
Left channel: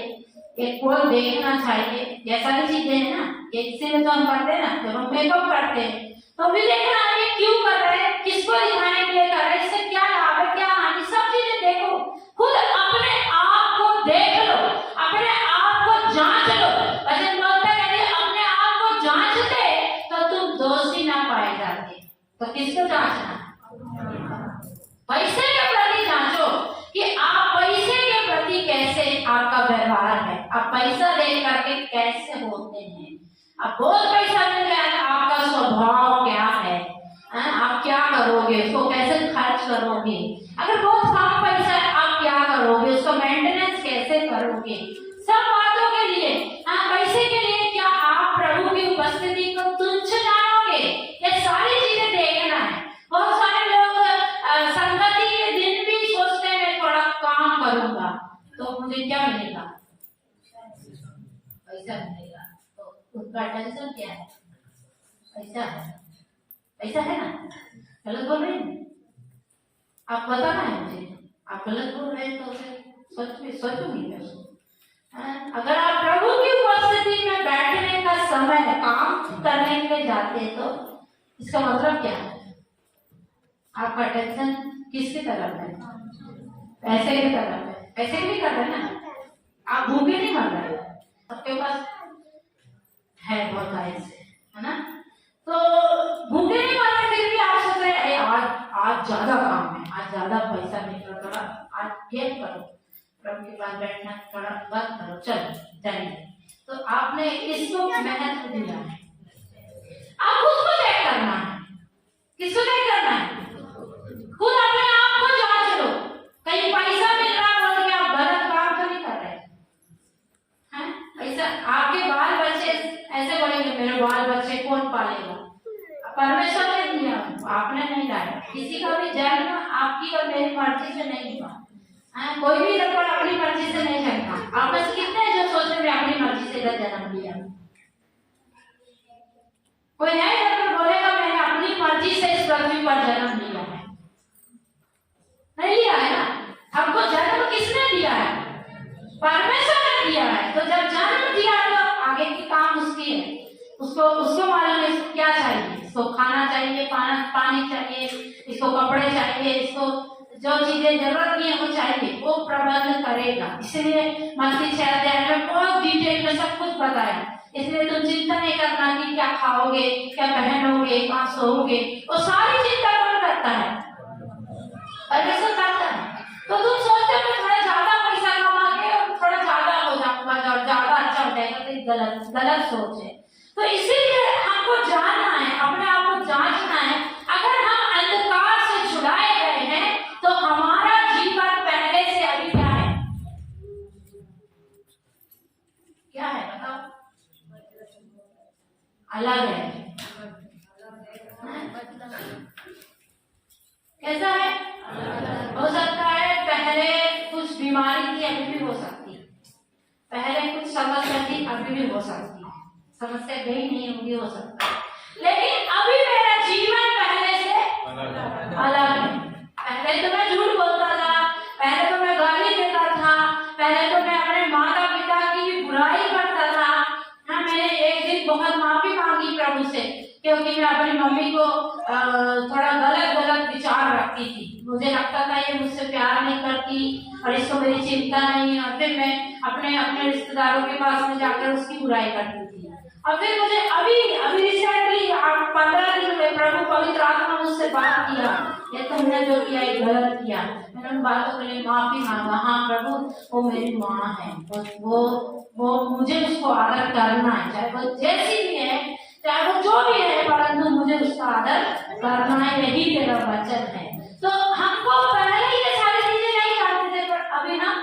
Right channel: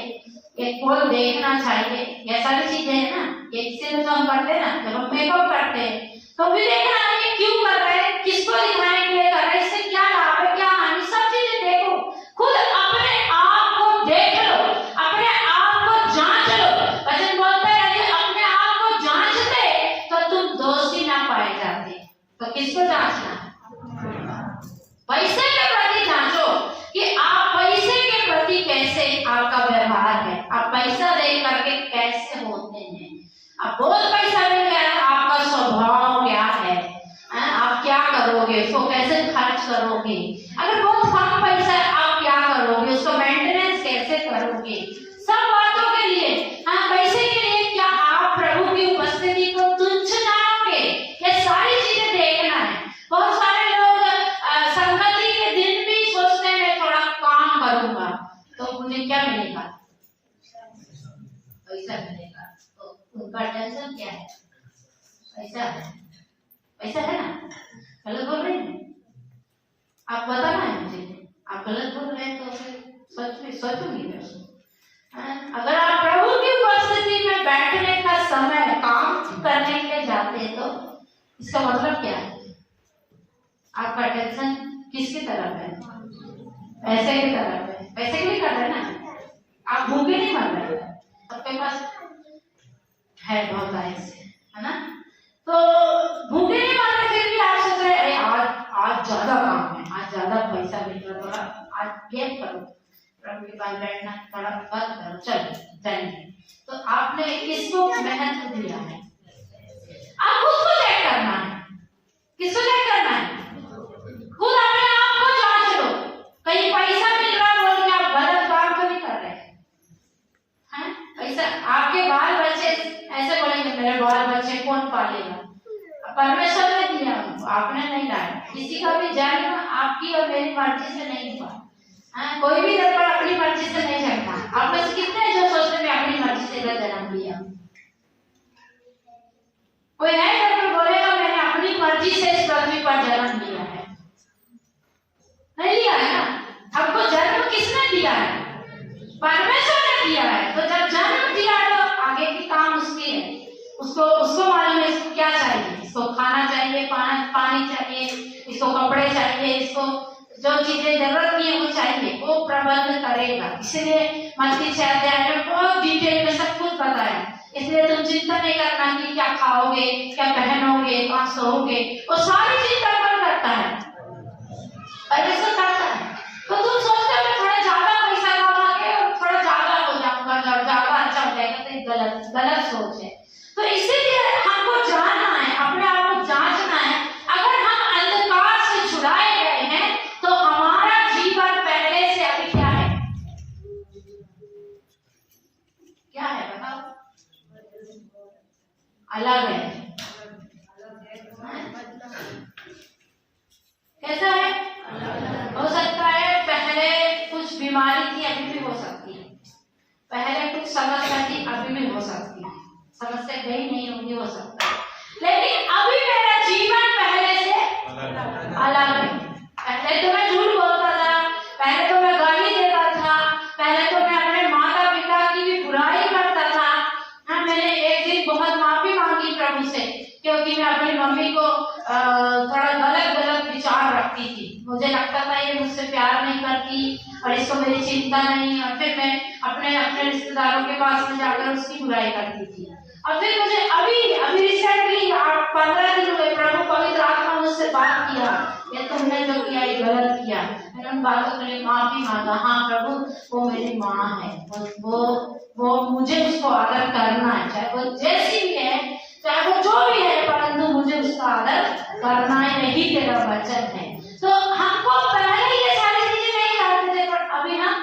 एक कोई देखना चाहिए, ये सारी चीजें है ना। ये इसीलिए तो हम करते हैं ना, जब हम मेकअप करते हैं तो भी देखना है क्यों कर रहे हैं, किसको दिखाने के लिए कर रहे हैं, इससे क्या लाभ है, क्या हानि, सब चीजें देखो। खुद अपने आप को देख लो, अपने आप को जांच लो। वचन बोलता है यदि अपने आप को जांचते तो तुम दोषी ना पाए जाते। तो किसको जांचना? पैसे के प्रति जांचो कि आप पैसे के प्रति कैसे आपका व्यवहार है, आप पैसा दे करके कैसे होते हैं। आप बहुत पैसा मिल गया है, आपका स्वभाव क्या है, आप क्या करोगे, उसको कैसे खर्च करोगे। अगर बहुत कम पैसा है आप क्या करोगे, उसको मेंटेनेंस कैसे करोगे। सब बातों के लिए, पैसे के लिए क्या आप प्रभु की उपस्थिति को तुच्छ जानोगे, ये सारी चीजें देखना है। बहुत सारे लोग संगति के दिन भी सोचते हैं मैं थोड़ा काम करूंगा तो मुझे क्या मिलेगा, पैसा मिलेगा। तो उनका टेंशन क्या है, पैसा है, पैसा है ना। गलत बोल रहे हैं आप, बताना है मुझे, आप गलत बोल रहे हैं तो फिर सोचूंगी मैं। अगर आप प्रभु की उपस्थिति में बैठने का समय काम करने के लिए जाते हैं तो इसका मतलब क्या है? आपका अटेंशन किसकी तरफ है? पैसे की तरफ है। पैसे के लिए कर रहे हैं ना, आप भूखे नहीं मर रहे, सबके पास है बहुत ऐसे, है ना? तो भूखे नहीं मर रहे, फिर भी आप सोच रहे अरे आज ज्यादा काम है, आज ज्यादा पैसा मिल रहा, थोड़ा आज गेम करो, प्रभु के पास बैठना थोड़ा बंद करो, चलो जाएंगे। तो आपने किसको महत्व दिया है? आप उसको चेक करना है। किसको चेक करना है? खुद अपने आप को जांच लो, कहीं पैसा मिल रहा बोल के आप गलत काम तो नहीं कर रहे हैं? पैसा आपके बाल बच्चे ऐसे बोलेंगे मेरे बाल बच्चे कौन पालेगा? परमेश्वर ने दिया उनको, आपने नहीं लाया। किसी का भी जन्म आपकी और मेरी मर्जी से नहीं हुआ। कोई भी लड़का अपनी मर्जी से नहीं जन्मा। आप में से कितने हैं जो सोचते हैं अपनी मर्जी से जन्म लिया? कोई है जो बोलेगा मैंने अपनी मर्जी से इस पृथ्वी पर जन्म लिया है? नहीं लिया है ना। हमको जन्म किसने दिया है? परमेश्वर ने दिया है। तो जब जन्म दिया तो आगे की काम उसकी है। उसको मालूम है इसको क्या चाहिए। इसको खाना चाहिए, पानी चाहिए, इसको कपड़े चाहिए, इसको जो चीजें जरूरत नहीं है वो चाहिए, वो प्रबंध करेगा। इसलिए मत्ती 6 अध्याय में बहुत डिटेल में सब कुछ बताया। इसलिए तुम चिंता नहीं करना कि क्या खाओगे, क्या पहनोगे, कहाँ सोओगे, वो सारी चिंता कौन करता है? परमेश्वर करता है। तो तुम सोचते हो थोड़ा ज्यादा पैसा कमा के और थोड़ा ज्यादा हो जाऊंगा, ज्यादा अच्छा हो जाएगा, तो गलत सोच है। तो इसीलिए हमको जानना है, अपने आप को जांचना है। अगर हम अंधकार से छुड़ाए गए हैं तो हमारा जीवन पहले से अभी क्या है? क्या है बताओ? अलग है। कैसा है? हो सकता है पहले कुछ बीमारी थी, अभी भी हो सकती है। पहले कुछ समस्या थी, अभी भी हो सकती है। समस्या गई नहीं होगी, हो सकता है। लेकिन अभी मेरा जीवन पहले से अलग है। पहले तो मैं झूठ बोलता था, पहले तो मैं गाली देता था, पहले तो मैं अपने माता पिता की भी बुराई करता था। हाँ, मैंने एक दिन बहुत माफी मांगी प्रभु से, क्योंकि मैं अपनी मम्मी को थोड़ा गलत विचार रखती थी। मुझे लगता था ये मुझसे प्यार नहीं करती और इसको मेरी चिंता नहीं। और फिर मैं अपने रिश्तेदारों के पास में जाकर उसकी बुराई करती थी। और फिर मुझे अभी रिसेंटली 15 दिन हुए प्रभु पवित्र आत्मा मुझसे बात किया, ये तुमने जो किया ये गलत किया। मैंने उन बातों के लिए माफी मांगा। हाँ प्रभु, वो मेरी माँ है, वो मुझे उसको आदर करना है, चाहे वो जैसी भी है, चाहे वो जो भी है, परंतु मुझे उसका आदर करना है, यही तेरा वचन है। तो हमको पहले ये सारी चीजें नहीं करते थे, पर अभी हम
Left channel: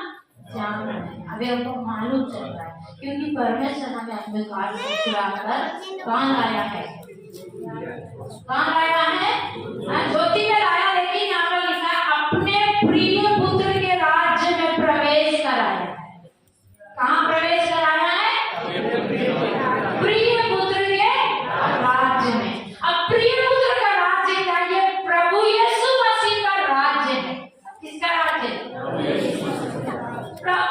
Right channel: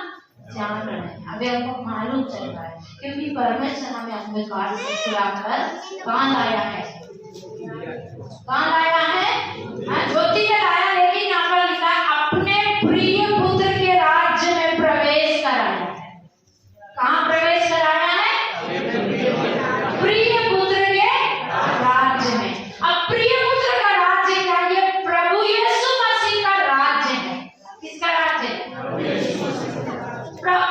जान रहे हैं, अभी हमको मालूम चल रहा है, क्योंकि परमेश्वर हमें अंधकार से छुड़ाकर कहाँ लाया है? कहाँ लाया है? ज्योति में लाया। लेकिन यहाँ पर लिखा अपने प्रिय पुत्र के राज्य में प्रवेश कराया है। कहाँ प्रवेश कराया है? प्रिय पुत्र के राज्य में। अब प्रिय पुत्र का राज्य क्या? ये प्रभु यीशु मसीह का राज्य है। किसका राज्य?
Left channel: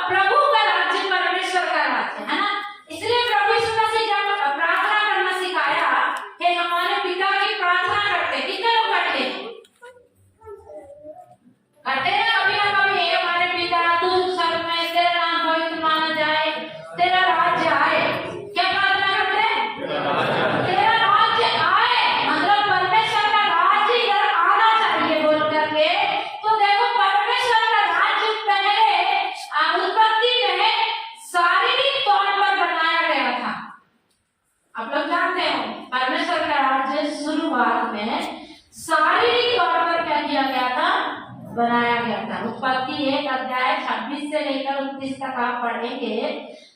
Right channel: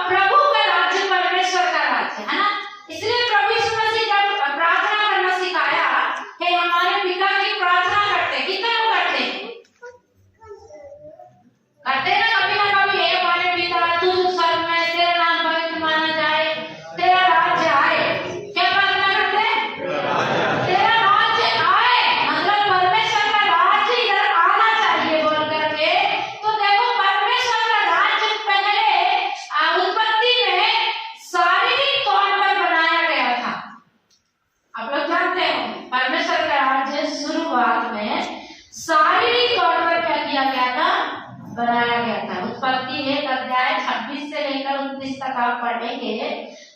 प्रभु का राज्य, परमेश्वर का राज्य है ना। इसलिए प्रभु यीशु मसीह जब प्रार्थना करना सिखाया, हे हमारे पिता की प्रार्थना करते, कितने लोग करते ना कभी हे हमारे पिता तू स्वर्ग में, तेरा नाम पवित्र माना जाए, तेरा राज्य आए। क्या प्रार्थना करते? तेरा राज्य आए, मतलब परमेश्वर का राज्य इधर आना चाहिए बोल करके। तो देखो परमेश्वर का राज्य पहले उत्पत्ति में शारीरिक तौर पर बनाया गया था। आप लोग जानते हो परमेश्वर का राज्य शुरुआत में शारीरिक तौर पर क्या किया गया था? बनाया गया था। उत्पत्ति 1 अध्याय 26 से लेकर 29 तक आप पढ़ेंगे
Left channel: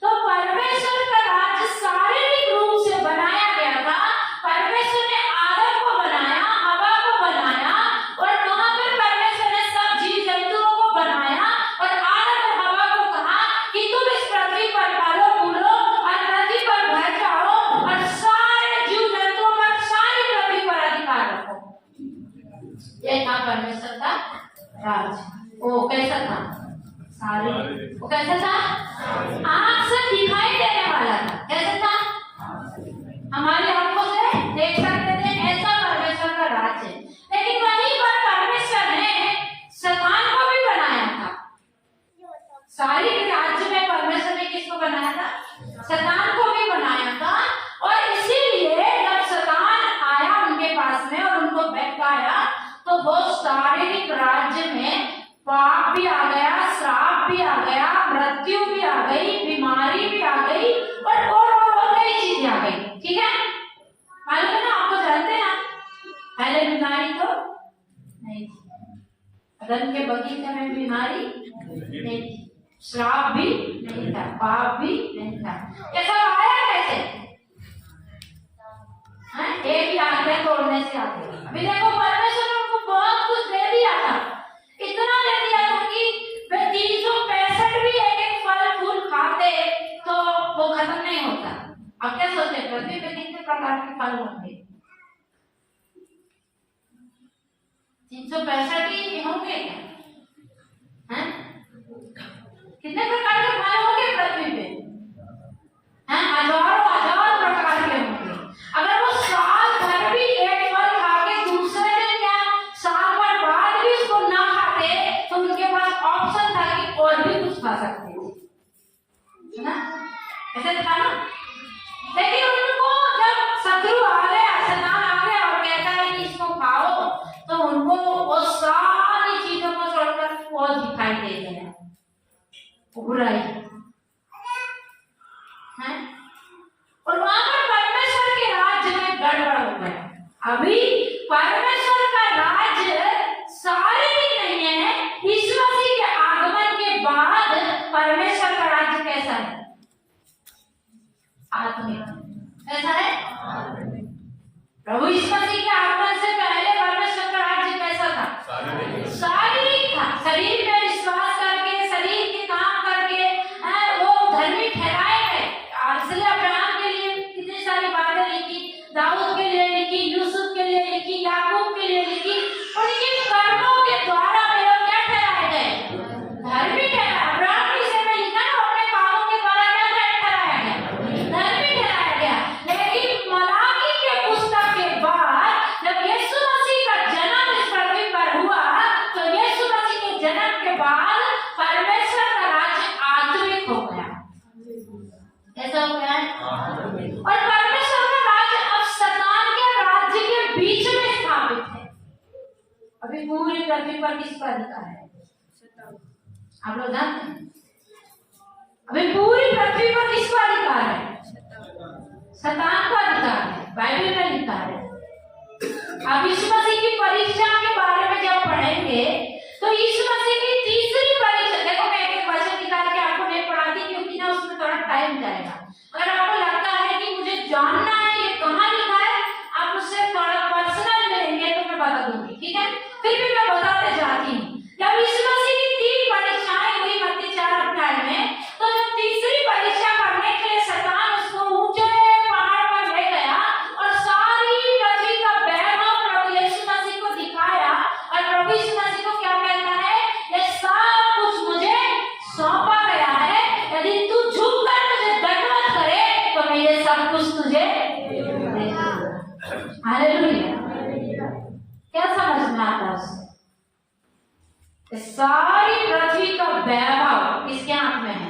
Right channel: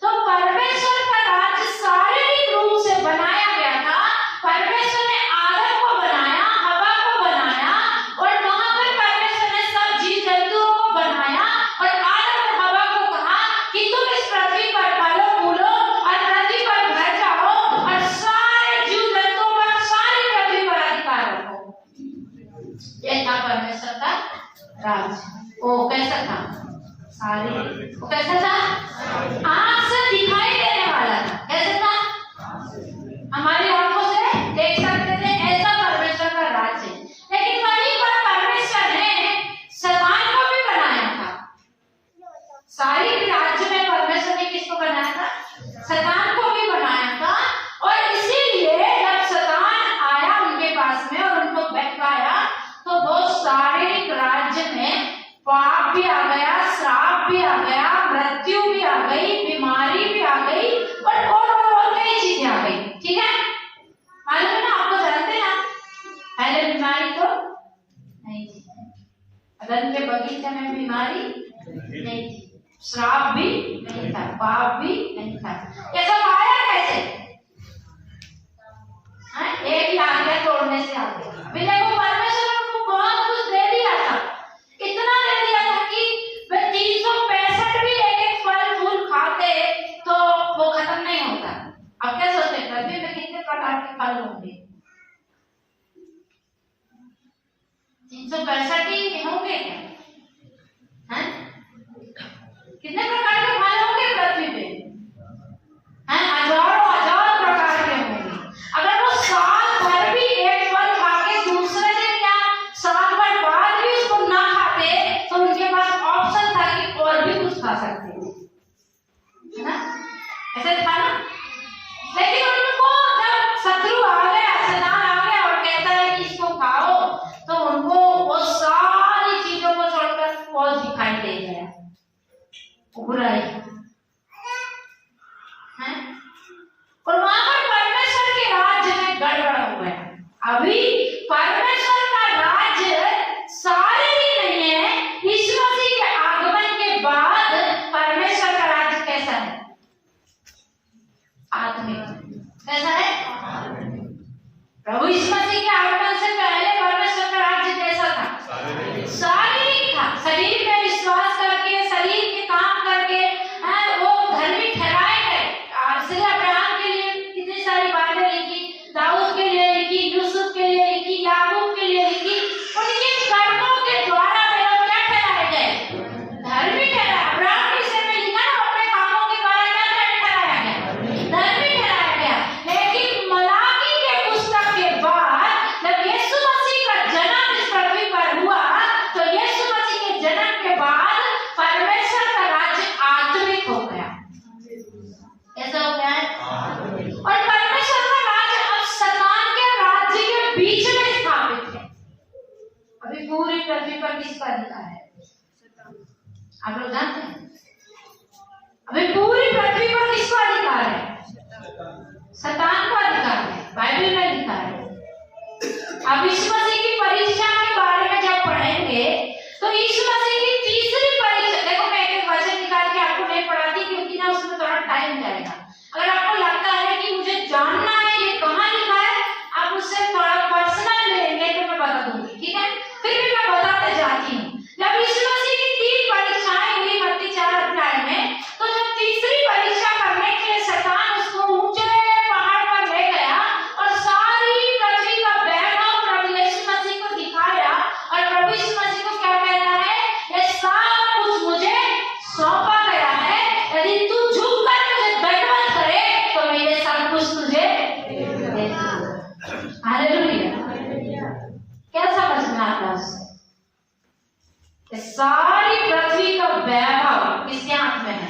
तो परमेश्वर का राज्य शारीरिक रूप से बनाया गया था। परमेश्वर ने आदम को बनाया, हवा को बनाया, और वहां पर परमेश्वर ने सब जीव जंतुओं को बनाया और आदम और हवा को कहा कि तुम इस पृथ्वी पर फलो फूलो और पृथ्वी पर भर जाओ और सारे जीव जंतुओं पर, सारी पृथ्वी पर अधिकार रखो। ये था परमेश्वर का राज्य। वो कैसा था? सारे। वो कैसा था? आँख से दिखाई देने वाला था। कैसा था? सारी राज्य में परमेश्वर ने किसको बनाया था? शैतान को भी बनाया था। और इसीलिए जब शैतान आया उनके पास में और उनको बहकाया, तो वो शारीरिक राज्य में पाप भी आ गया, श्राप भी आ गया, मृत्यु भी आ गई, बीमारी भी आ गई, और कई चीजें आ गई। ठीक है, मालूम है ना आपको? जानते हैं आप? पहले बीमारी तो नहीं थी, अदन के बगीचे में बीमारी नहीं थी, श्राप भी नहीं था, पाप भी नहीं था। कैसा आया? कैसे? एक ही आज्ञा तोड़ने से आ गया। अभी देखो, परमेश्वर ने उनको बहुत कुछ दे दिया था, इतना दे दिया था कि वे 365 भी एक फल फूल खाते तो वो खत्म नहीं होता। अब क्या सोचते, पृथ्वी में कितने प्रकार के फल होंगे? 365 ही होंगे क्या? हैं? कितने प्रकार के फल होंगे पृथ्वी पे? हैं? हजारों प्रकार के होंगे। अगर वो साल भर भी एक फल खा के दूसरे दिन या साल भर बाद भी उसको ना खाते, तो उनके पास ऑप्शन था कि और भी कुछ खा सकते थे, है ना? ऐसे था ना? लेकिन उनको जब शत्रु आ गया, शैतान आ गया और कहता है कि इसको खाओ, तो उनको वो सारी चीजों को छोड़कर वो दिखाई दे गया, बुराई है। और वहां पर परमेश्वर के राज्य में गड़बड़ हो गया। अभी परमेश्वर का राज्य शारीरिक नहीं है, यीशु मसीह के आगमन के बाद परमेश्वर का राज्य कैसा है? आत्मिक। कैसा है? प्रभु यीशु मसीह के आगमन से पहले परमेश्वर का राज्य कैसा था? शारीरिक था। शरीर में विश्वास करके, शरीर के काम करके वो धर्मी ठहराए गए। इसलिए अब्राहम के लिए कितनी सारी बातें लिखी, दाऊद के लिए लिखी, यूसुफ के लिए लिखी, याकूब के लिए लिखी। उनके कर्मों के द्वारा वे लोग क्या ठहराए गए? धर्मी ठहराए। अब्राहम के विषय में लिखा ना, अपने कामों के द्वारा क्या ठहराया गया? धर्मी ठहराया गया। लेकिन मलाकी के पुस्तक के बाद जब यीशु मसीह का जन्म इस पृथ्वी पर हुआ, तो यीशु मसीह के जन्म के बाद परमेश्वर का राज्य आत्मिक हो गया। कैसा हो गया है? और परमेश्वर का राज्य अब शैतान के राज्य के बीच में स्थापित है। अभी पूरी पृथ्वी पर किसका अधिकार है? आप लोग जानते हैं? अभी पूरी पृथ्वी पर किसका अधिकार है? शैतान का अधिकार है। बाइबल में लिखा है। अब यीशु मसीह की परीक्षा के बारे में जब पढ़ेंगे, तो यीशु मसीह की तीसरी परीक्षा, देखो मैं एक वचन निकाल के आपको नहीं पढ़ाती क्योंकि ना उसमें थोड़ा टाइम जाएगा। अगर आपको लगता है कि मुझे जानना है ये कहाँ लिखा है, आप मुझसे थोड़ा पर्सनल मिलेंगे तो मैं बता दूंगी, ठीक है? फिर भी मैं बताते जाती हूँ। जब यीशु मसीह की 3 परीक्षाएं हुई मत्ती 4 अध्याय में, तो जब तीसरी परीक्षा करने के लिए शैतान उसको ऊंचे पहाड़ पर ले गया और सारी पृथ्वी का वैभव प्रभु यीशु मसीह को दिखाया, और प्रभु यीशु मसीह को क्या कहता है? ये सब कुछ मुझे सौंपा गया है, यदि तू झुककर मुझे दंडवत करे तो मैं ये सब कुछ तुझे दे दूंगा। हालेलुया। क्या समझ में आता है? सारी पृथ्वी का वैभव किसके हाथ में है?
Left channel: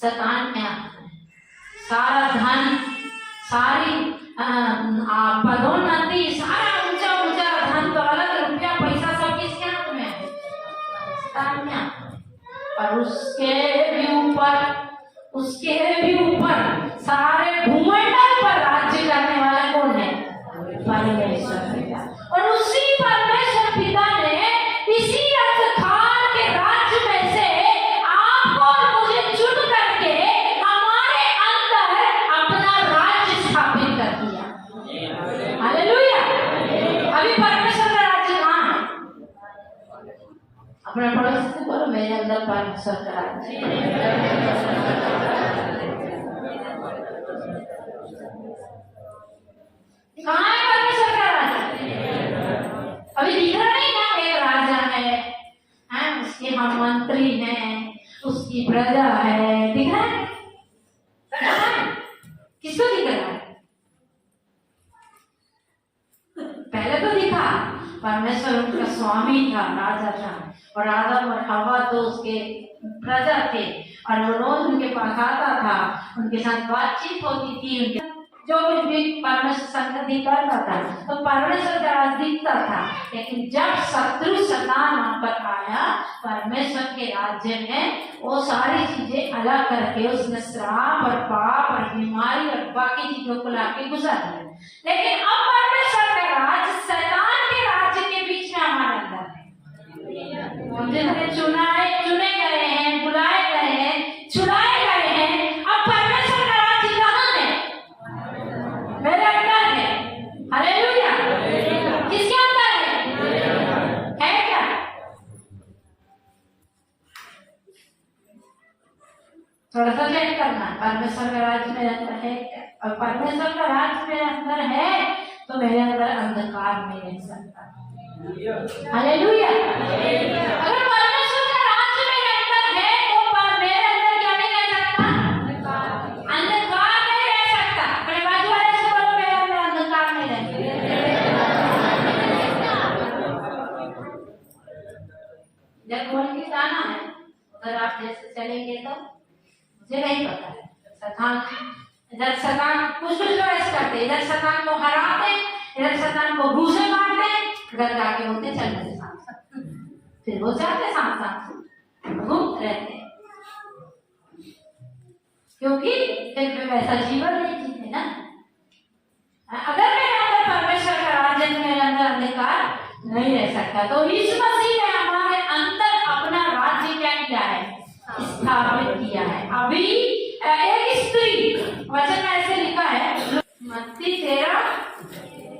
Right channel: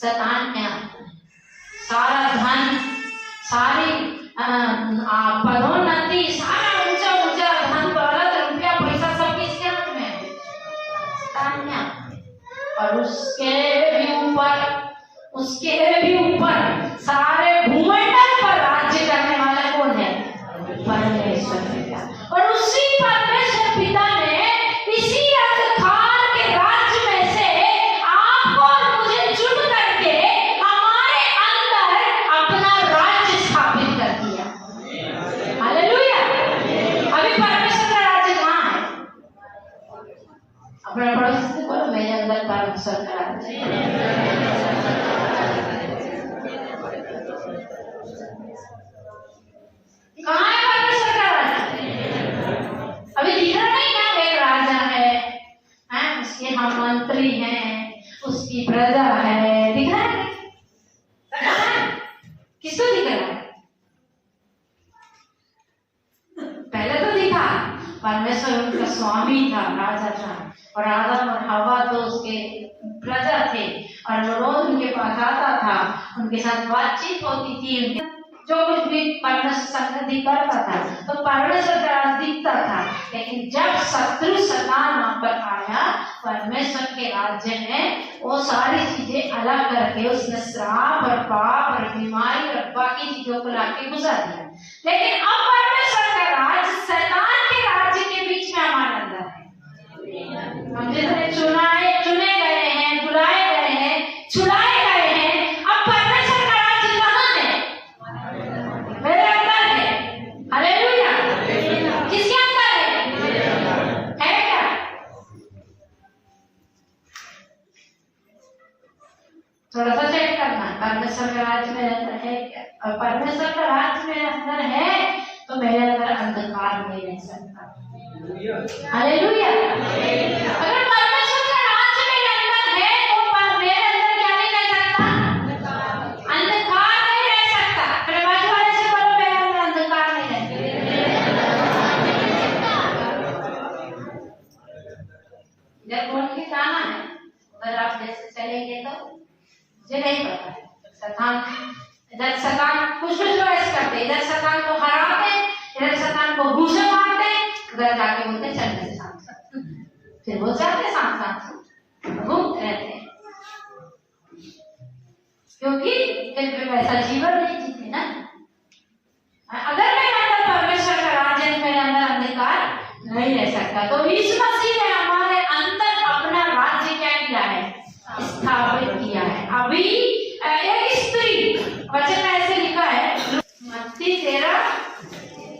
शैतान के हाथ में। सारा धन, सारी पदोन्नति, सारा ऊंचा ऊंचा धन, दौलत, रुपया, पैसा सब किसके हाथ में है? शैतान के हाथ में। और उसके भी ऊपर सारे भूमंडल पर राज्य करने वाला कौन है? परमेश्वर पिता। और उसी परमेश्वर पिता ने इसी अंधकार के राज्य में से आपको और मुझे चुन करके हमारे अंदर अपना राज्य स्थापित कर दिया। हालेलुया। अभी परमेश्वर का राज्य कहाँ है? अपने पड़ोसी से बोलो, मेरे अंदर परमेश्वर का राज्य। कहाँ है परमेश्वर का राज्य? अभी दिख रहा नहीं क्या? एक राजा है, उसके हम मंत्री हैं, उसकी प्रजा है, दिख रहा है? किसको दिख रहा है? पहले तो दिखा, परमेश्वर परमेश्वर उनका स्वामी था, राजा था, और आदम और हवा तो उसके प्रजा थे, और वो रोज उनके पास आता था, उनके साथ बातचीत होती थी, उनके जो कुछ भी परमेश्वर संगति करता था तो परमेश्वर का राज दिखता था। लेकिन जब शत्रु शैतान वहां पर आया, परमेश्वर के राज्य में वो सारी चीजें अलग करके उसने श्राप और पाप और बीमारी और बाकी चीजों को लाके घुसा दिया। लेकिन अब परमेश्वर का राज शैतान के राज्य के बीच में हमारे अंदर है। हम जितने चुने गए हैं, बुलाए गए हैं, छुड़ाए गए हैं, अब परमेश्वर का राज्य कहाँ है? मेरे अंदर है। हालेलुया। किसके अंदर है क्या? थोड़ा सा चेक करना, परमेश्वर का राज्य मेरे अंदर है क्या? और परमेश्वर का राज्य मेरे अंदर है तो मेरे अंदर अंधकार नहीं रह सकता। हालेलुया। अगर परमेश्वर का राज्य मेरे अंदर है तो मेरे अंदर क्या नहीं रह सकता? अंधकार नहीं रह सकता। अपने बाजू वाले से बोलो, मेरे अंदर अंधकार नहीं रह सकता। जब बोल के जाना है उधर आप जैसे चलेंगे तो मुझे नहीं पता है। इधर शैतान कुछ ऐसे करते, इधर शैतान को हराते, इधर शैतान को घूसे मारते, उधर जाके बोलते चलने से साथ, फिर वो जाते साथ घूमते रहते हैं, क्योंकि फिर वैसा जीवन नहीं जीते ना। अगर मेरे अंदर परमेश्वर का राज्य है, मेरे अंदर अंधकार नहीं रह सकता। तो यीशु मसीह ने हमारे अंदर अपना राज्य क्या किया है? स्थापित किया है। अभी एक स्त्री, वचन ऐसे लिखा है मत्ती 13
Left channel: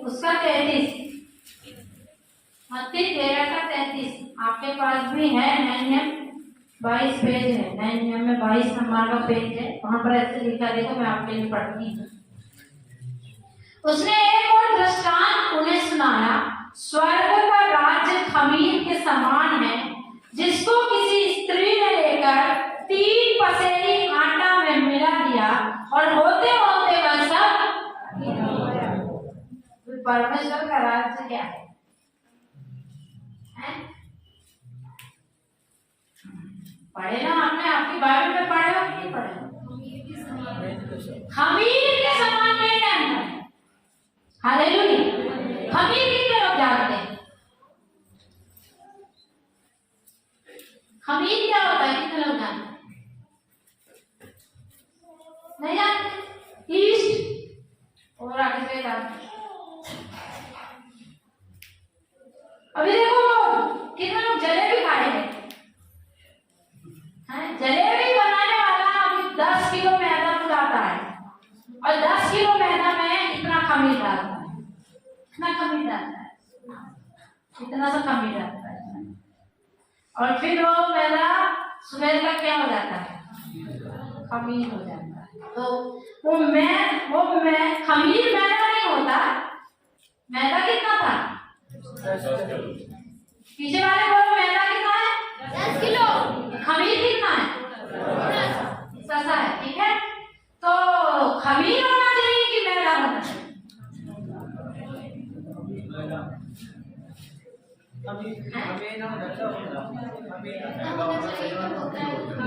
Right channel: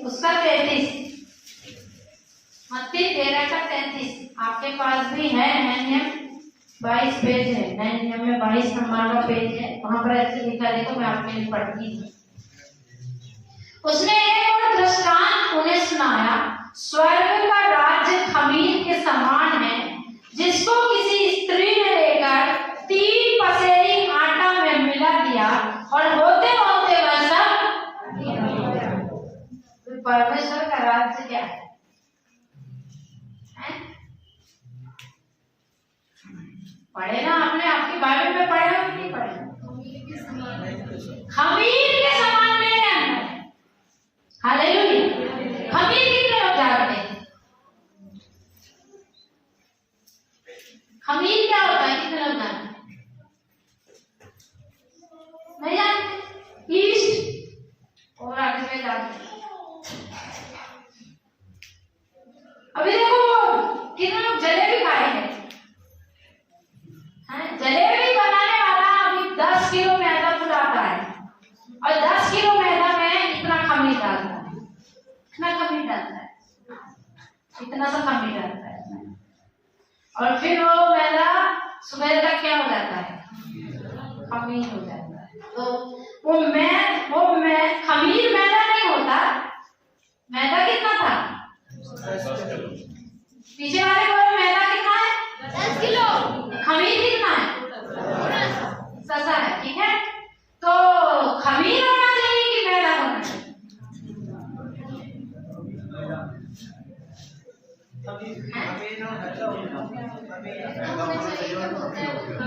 उसका 33, मत्ती 13 का 33 आपके पास भी है। नियम 22 पेज है, नियम में 22 नंबर का पेज है, वहां पर ऐसे लिखा, देखो मैं आपके लिए पढ़ती हूँ। उसने एक और दृष्टांत उन्हें सुनाया, स्वर्ग का राज्य खमीर के समान है, जिसको किसी स्त्री ने लेकर 3 पसेरी आटा में मिला दिया, और होते होते वह सब परमेश्वर का राज्य क्या है? पढ़े ना आपने, आपकी बाइबल में पढ़े हो कि नहीं पढ़े? खमीर के समान मेरे अंदर। हालेलुया। खमीर कितने लोग जानते हैं? खमीर क्या होता है? कितने लोग जानते हैं? नहीं जानते? ईस्ट और आगे से जानते। अभी देखो कितने लोग जलेबी खाए हैं? जलेबी बनाने वाला अभी 10 किलो मैदा बुलाता है, और 10 किलो मैदा में इतना खमीर डालता है, इतना खमीर डालता है, इतना सा खमीर डालता है, और फिर वो मैदा सुबह तक क्या हो जाता है? खमीर हो जाता है। तो वो खमीर मैदा नहीं होता। मैदा कितना था? पीछे वाले बोलो, मैदा कितना है? 10 किलो। खमीर कितना है? ससा है, ठीक है। तो खमीर होना चाहिए कि मैदा होना चाहिए?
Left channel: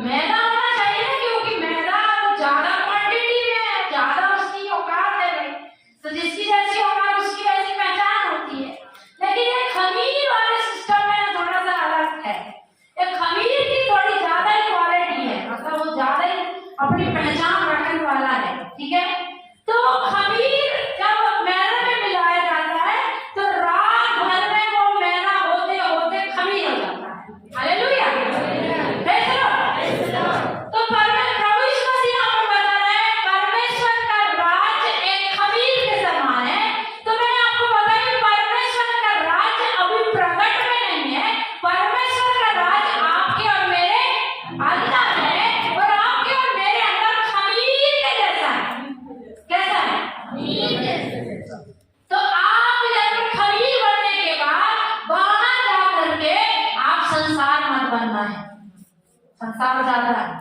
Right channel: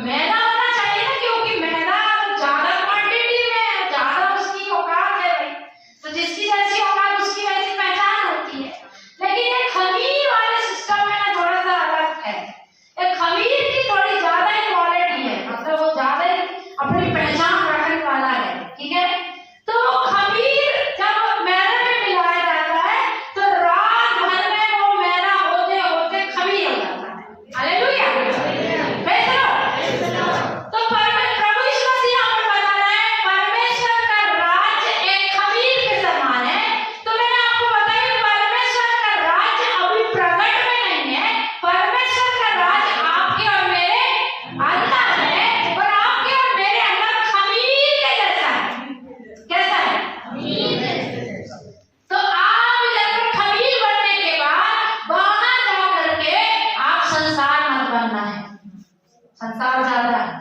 मैदा होना चाहिए, क्योंकि मैदा ज्यादा क्वांटिटी में, ज्यादा उसकी औकात है भाई, तो जिसकी जैसी औकात उसकी वैसी पहचान होती है। लेकिन ये खमीर वाले सिस्टम में थोड़ा सा अलग है। ये खमीर की थोड़ी ज्यादा ही क्वालिटी है, मतलब वो ज्यादा ही अपनी पहचान रखने वाला है, ठीक है। तो खमीर जब मैदे में मिलाया जाता है तो रात भर में वो मैदा होते होते खमीर हो जाता है। हालेलुया। तो प्रभु यीशु मसीह हमें बता रहे हैं परमेश्वर का राज्य एक खमीर के समान है। तो मैंने आपको बताया परमेश्वर का राज्य अभी प्रकट में नहीं है। परमेश्वर का राज्य आपके और मेरे अंदर है, और आपके और मेरे अंदर खमीर के जैसा है। कैसा है? तो आप जब खमीर बनने के बाद बाहर जा करके आप संसार मत बनना है। संसार ज्यादा है,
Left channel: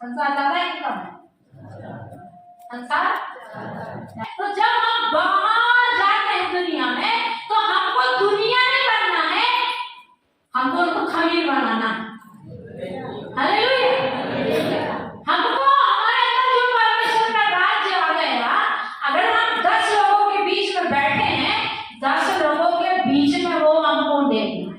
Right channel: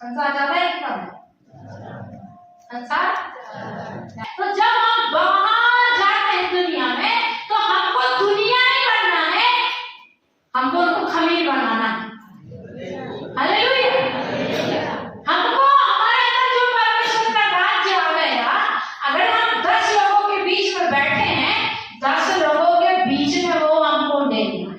संसार ज्यादा है कि कम है? संसार। तो जब हम बाहर जाते हैं दुनिया में, तो हमको दुनिया हमको उनको खमीर बनाना है। हालेलुया। हमको हमारे अंदर जो परमेश्वर का राज्य आ गया, अगर हम 10 लोगों के बीच में बैठे हैं, 10 लोगों के बीच में वो हमको देना है,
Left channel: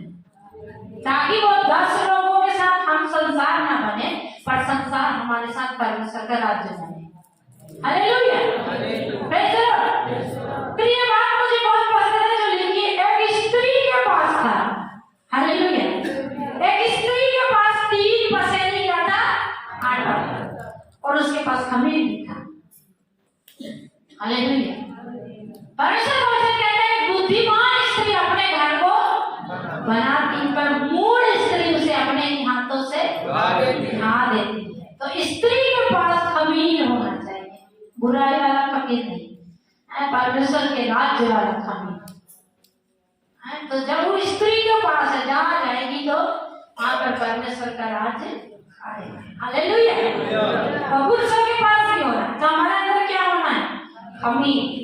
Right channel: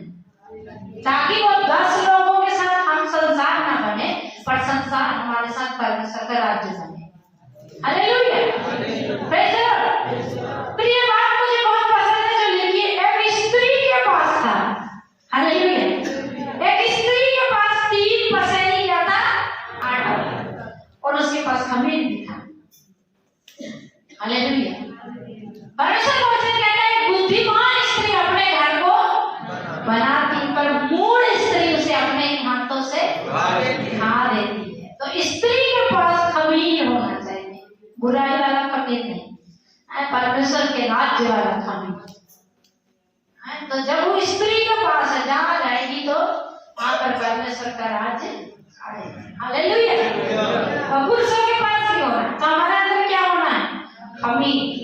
ताकि वो 10 लोगों के साथ हम संसार ना बने, पर संसार हमारे साथ परमेश्वर का राज्य बने। हालेलुया। Praise the Lord. तो ये बात मुझे बहुत पसंद है जो लिखी एक स्त्री के पास था। हालेलुया। एक स्त्री के पास 3 पसेरी ज्यादा आटा था और उसके पास खमीर भी था। हालेलुया। परमेश्वर का वचन कहता है बुद्धिमान स्त्री अपने घर को बनाती, पर मूढ़ स्त्री उसे अपने हाथों से खा देती है। तो स्त्री के पास खमीर होना चाहिए, बुराई वाला खमीर नहीं, परमेश्वर के राज्य वाला खमीर। तो जब वो स्त्री के पास है, जहाँ जाएगी तो वहां पर परमेश्वर का राज्य आएगा। हालेलुया। और पुरुषों के पास भी होना है, तो हमारे अंदर क्या होना है? खमीर।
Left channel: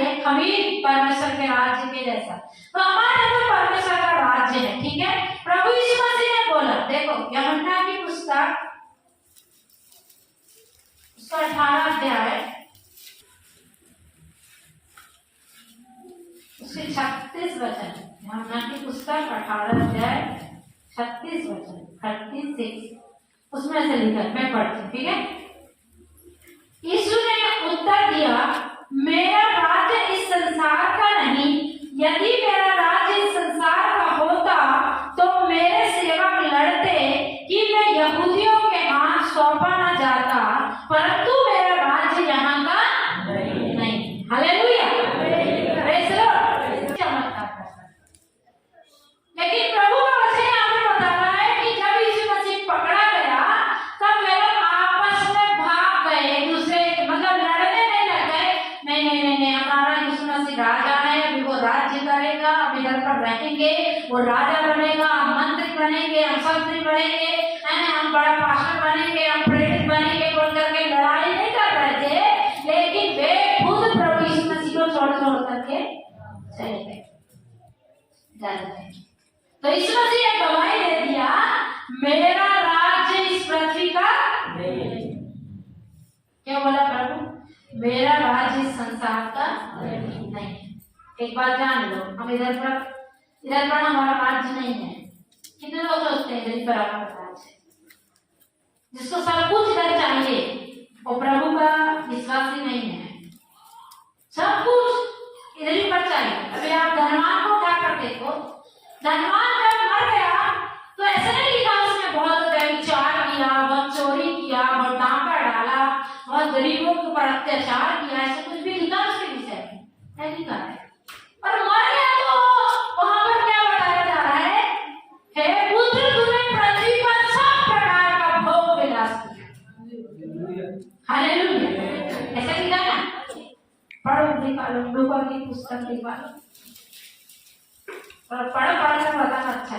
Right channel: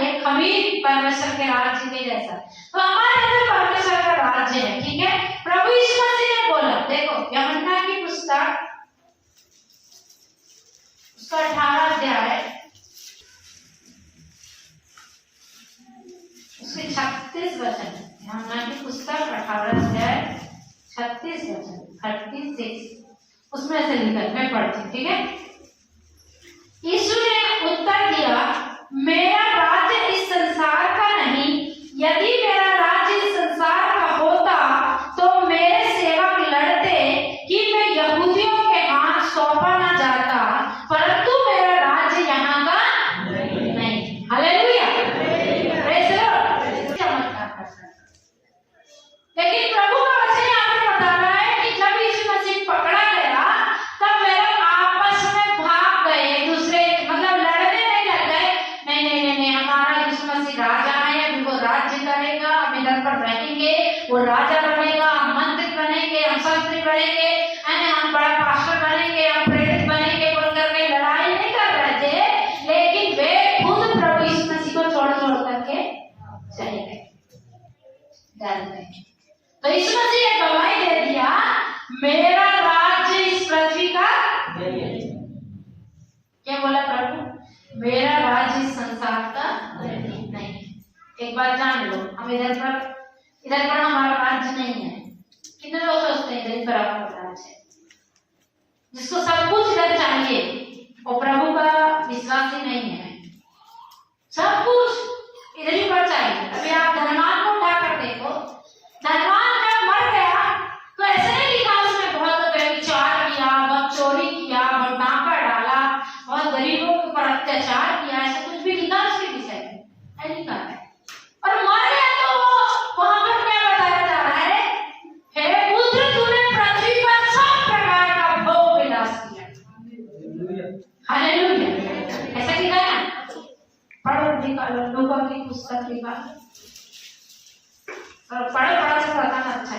ये खमीर परमेश्वर के राज्य के जैसा। तो हमारे अंदर परमेश्वर का राज्य है, ठीक है। प्रभु यीशु मसीह ने बोला, देखो यूहन्ना की पुस्तक उसका 18 अध्याय उसके 36 वचन, यूहन्ना की पुस्तक 18 अध्याय 36 वचन 36 उसमें से लिखा, मैं पढ़ती हूँ, ठीक है। यीशु ने उत्तर दिया, मेरा राज्य इस संसार का नहीं, यदि मेरा राज्य इस संसार का होता तो मेरे सेवक लड़ते कि मैं यहूदियों के हाथ सौंपा न जाता, परंतु मेरा राज्य यहाँ का नहीं। हालेलुया। Praise the Lord. चमत्कार कर सकता, लेकिन प्रभु का वचन यहाँ पर बता रहा है कि जब यीशु मसीह पकड़ा गया तब लोग आपस में भाग गए, एक दूसरे मतलब लड़ने नहीं लग गए। नहीं, हमारा यीशु मसीह राजा है, वो राज्य करेगा, हम इधर पर रहेंगे, वो राजा बनेगा, हम मंत्री बनेंगे, हम संतरी बनेंगे, हम बड़ा पास्टर बनेंगे, हम प्रेरित बनेंगे, बोल करके लड़ाई नहीं कर रहे थे, लेकिन वे खुद प्रभु यीशु मसीह को छोड़ करके चले गए, डर गए। तो यीशु मसीह ने गवाही दे दिया, मेरा राज्य इस पृथ्वी का क्या बोला प्रभु? मेरा राज्य इस संसार का नहीं। एक बात जान लो, हम इधर पर हमारा राज्य नहीं है। कितने लोग सोचते हैं इधर पर हमारा राज्य है, जिसको सब कुछ इधर चाहिए वो प्रभु का विश्वासी नहीं है। सब कुछ इधर ही पर चाहिए। अभी आप धनवान को उठा कर देखो, धनवान जब मर गया तो ऐसे नहीं लिखा उसने बहुत व्यभिचार किया, बहुत चोरी किया, बहुत डांका डाला, बहुत गरीबों के ऊपर अत्याचार किया, ऐसे कुछ भी लिखा उसके विषय में नहीं लिखा है। और मर गया तो वहां पर क्या बताया जा रहा है? हे पुत्र, तूने पृथ्वी पर सब प्रकार का भोग विलास किया। हालेलुया। ऐसा लिखा है, पढ़ो, निकालो, लूका की पुस्तक निकालो और पढ़ कर बताना अच्छा है।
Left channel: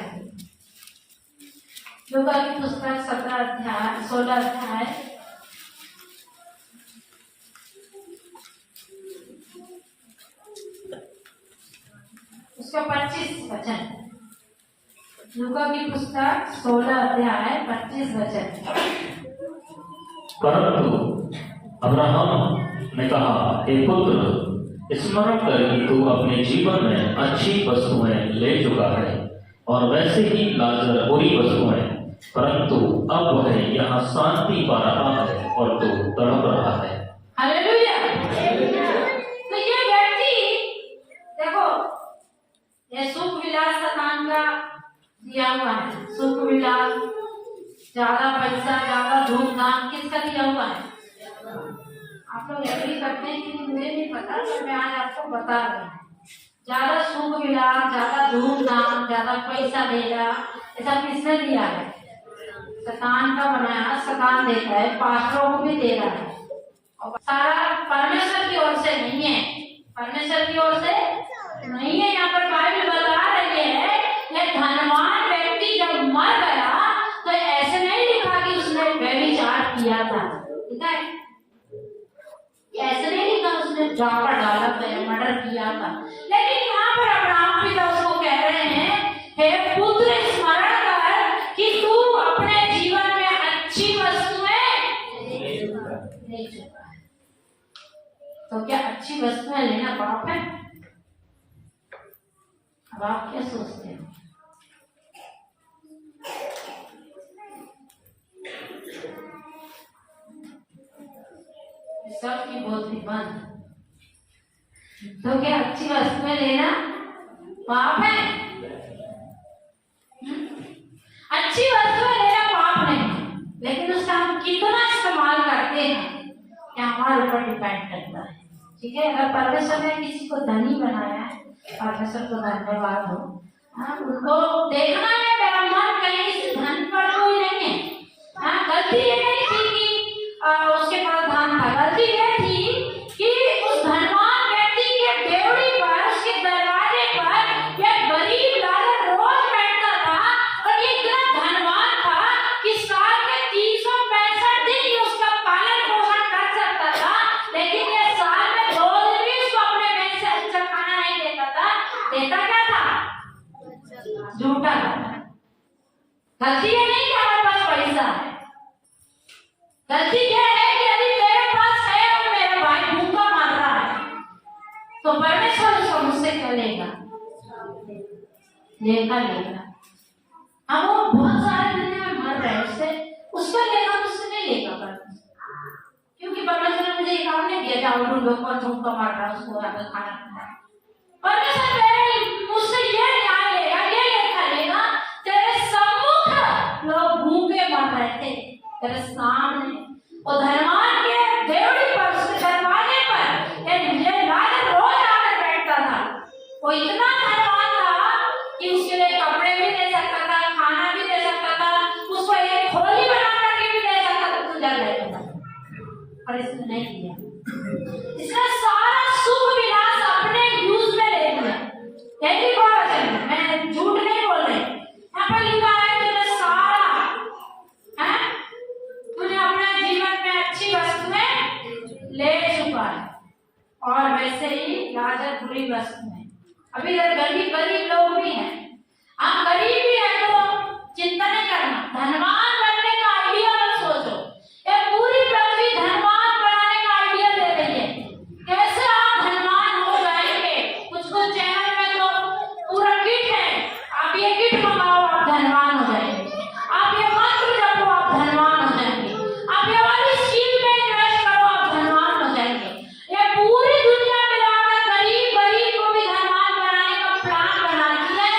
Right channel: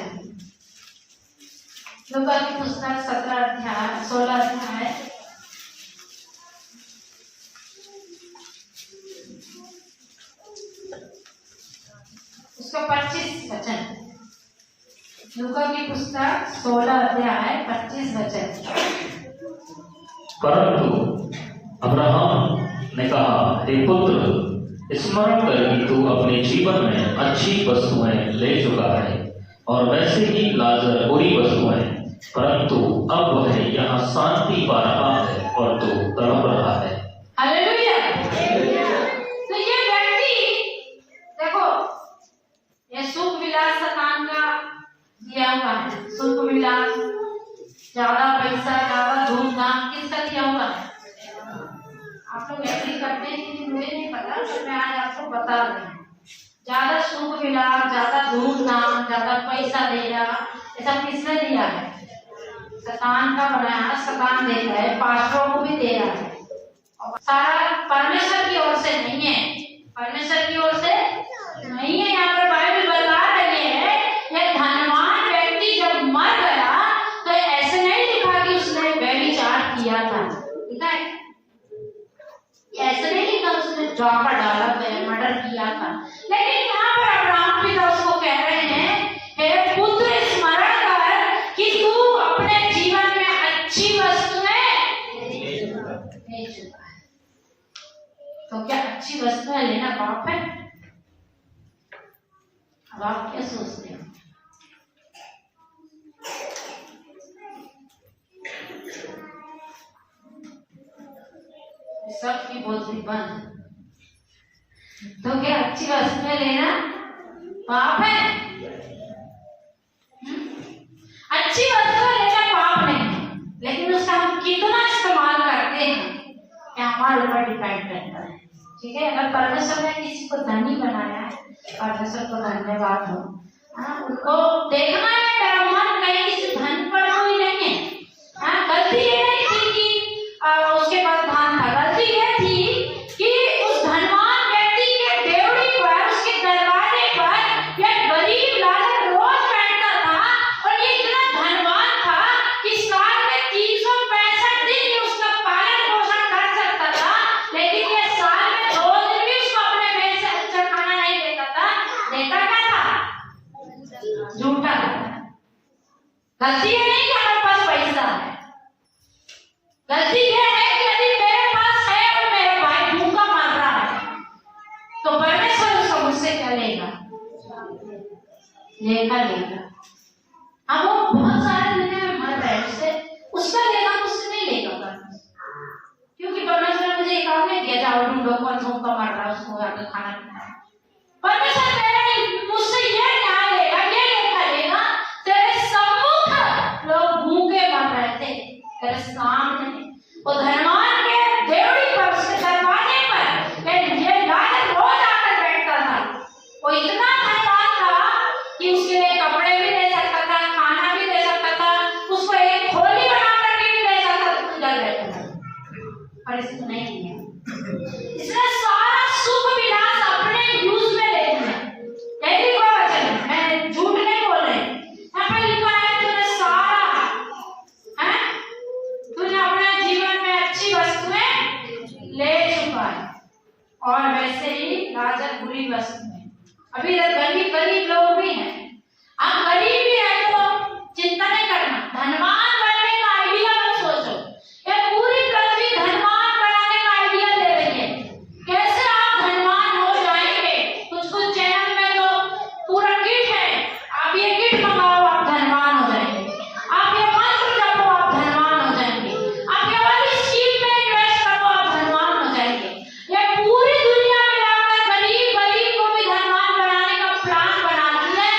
लूका की पुस्तक 16 अध्याय उसका 25 वचन। लूका की पुस्तक 16 अध्याय 25 वचन। परंतु अब्राहम ने कहा, हे पुत्र, स्मरण कर कि तू अपने जीवन में अच्छी वस्तुएं ले चुका है और वैसे ही लाजर बुरी वस्तुएं, परंतु अब वह यहाँ शांति पा रहा है और तू तड़प रहा है। हालेलुया। तो ये व्यक्ति देखो, ये सुख विलास शैतान का दिया हुआ है। सुख विलास, ज्यादा पैसा, ज्यादा धूमधाम किसका दिया हुआ है? आप लोग एग्री करते हैं कि मुझे नहीं पता, तो मैं आज आपको बता रही हूँ। ज्यादा सुख विलास, ज्यादा धूमधाम, ज्यादा पैसा देना, ऐसा किसने दिया है? शैतान का बनाया, शैतान देता है, पास्टरों को भी दे रहा है। और सारा परमेश्वर की ओर से नहीं है, परमेश्वर की ओर से नहीं है। यहाँ पर बाइबल बता रही है, यह धनवान व्यक्ति जब मर गया तो ऐसे नहीं लिखा कि उसने व्यभिचार किया था, लिखा है ऐसे नहीं लिखा उसने डाका डाला था, मर्डर किया था। लेकिन यहाँ पर अब्राहम पिता उसको कह रहे हैं, हे पुत्र, वस्त्र लेना पाप है? अब आप क्या सोचते हो? सबकी बोतली बंद, तो क्या अच्छी वस्तुएं लेना पाप है? अच्छी वस्तुएं लेना पाप नहीं है, लेकिन उसका हम कितना इस्तेमाल करते हैं क्या हमारे ऊपर डिपेंड करता है। ठीक है, अगर परमेश्वर ने किसी को धनी बनाया है, परमेश्वर को धन्यवाद हो। उनको देखना है मेरा मन कहीं किसी धन पर कोई नहीं है। गलती ये नहीं थी कि उसके पास धन था, गलती ये थी कि उस धनवान व्यक्ति के डेवड़ी पर, उसके दरवाजे पर एक गरीब लालच रोज बैठता था, और ये इतना धनवान था कि साल में 365 दिन उसका पालन पोषण कर सकता था, लेकिन ये साल में 2 दिन भी उसको अपने पेट से अच्छा खाना नहीं देता था। देता क्या था? झूठा। गलती ये नहीं कि हमारे पास पैसा है, गलती ये है कि यदि मेरे पास है और मेरा भाई भूखा मर रहा है, तो परमेश्वर उसको मुझसे क्या लेगा? लेगा। अब वो बहुत सारे दुनिया में मर रहे हैं, उसका लेगा, मुझसे नहीं लेगा परमेश्वर, क्योंकि परमेश्वर ने मुझे एक काम नहीं दिया जाओ ढूंढो कौन भूखा मर रहा है उसको आकर खाना खिलाओ। परमेश्वर तेरे मुझसे ये न्याय लेगा, ये लेखा लेगा। तेरे सम्मुख लोग भूखे मर रहे थे, तेरे सामने वो धनवान के देवड़ी पर, उसके दरवाजे पर ये लालच रोज आकर बैठता था। वो इतना धनवान था कि उसके लिए कपड़े भी ले सकता था, खाना भी ले सकता था, उसको एक खोली बना करके भी ले सकता था, जल रहता था, पर इसने नहीं किया। इसने सारा सुख विलास अपने यूज में ले लिया। यही कोई वचन है, मैं झूठ नहीं बोल रही। यहाँ पर लिखा है तूने सारा, तूने अपने जीवन में अच्छी वस्तुएं ले चुका है, और वैसे ही लाजर बुरी वस्तुएं। अभी गरीब लोग भी हैं, आप गरीब भी हैं तो चिंता नहीं करना, धनवान बनने का आइडिया मत सोचो। ये पूरी पृथ्वी धनवान बनाने का आइडिया दे रही है, कैसे आप धनवान हो जाएंगे। कुछ चैनल में तो पूरा किट है, आप ये किट मंगाओ आप धनवान हो जाएंगे, आप ये मंत्र जपो आप धनवान हो जाएंगे, आप ये वाली स्कीम में इन्वेस्ट करो आप धनवान हो जाएंगे। ये पूरी दुनिया में लाकर गरीब को भी धनवान बनाने का प्लान बना दिया है,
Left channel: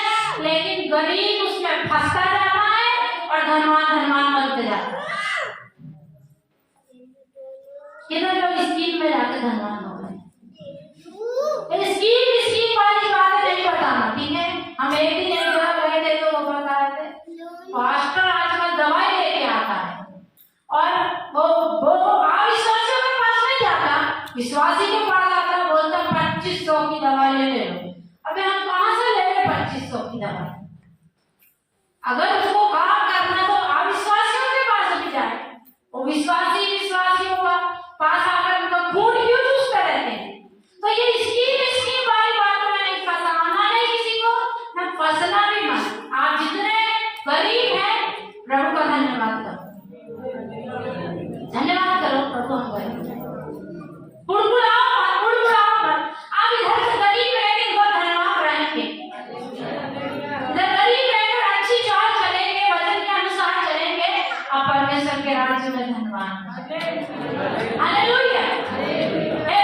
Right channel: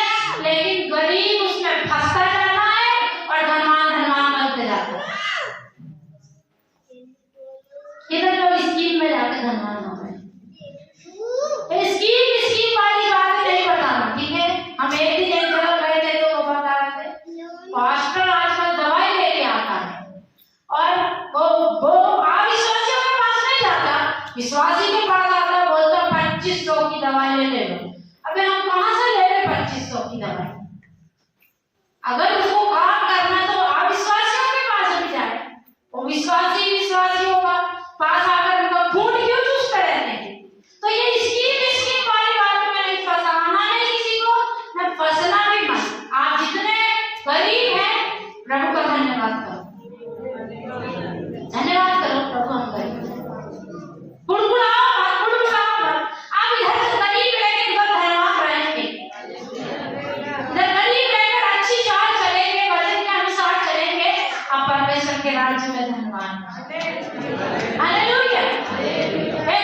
लेकिन गरीब उसमें फंसता जाता है और धनवान बनते जाता है। किधर लोग स्कीम में जाकर धनवान हो गए। स्कीम वाली बातें नहीं बताना, ठीक है। हम एक दिन एक जगह गए थे तो वो बता रहे थे, पास्टर आजकल दवाई लेके आता है, और वो अविश्वासियों के पास नहीं जाता, विश्वासी के पास आता, बोलता 2500 की दवाई ले लो। अबे हम कहाँ से ले ले 2500 की दवाई? अगर उसको काम करना तो अविश्वासियों के पास भी जाए, वो विश्वासियों का पास आकर उनका खून क्यों चूसते रहते हैं? तो ये स्कीम वाली बातों में नहीं फंसाना, नहीं किसी को, न फंसना भी मत। आप जितने गरीब हैं प्रभु का धन्यवाद करो प्रभु। हम बुड़बुड़ाओ मत। आप इधर से गरीब रहकर इधर धनवान रहेंगे, इधर गरीब रहकर अच्छी चाल चलेंगे, वचन के अनुसार चलेंगे, आप परमेश्वर के राज्य में धनवान। हालेलुया।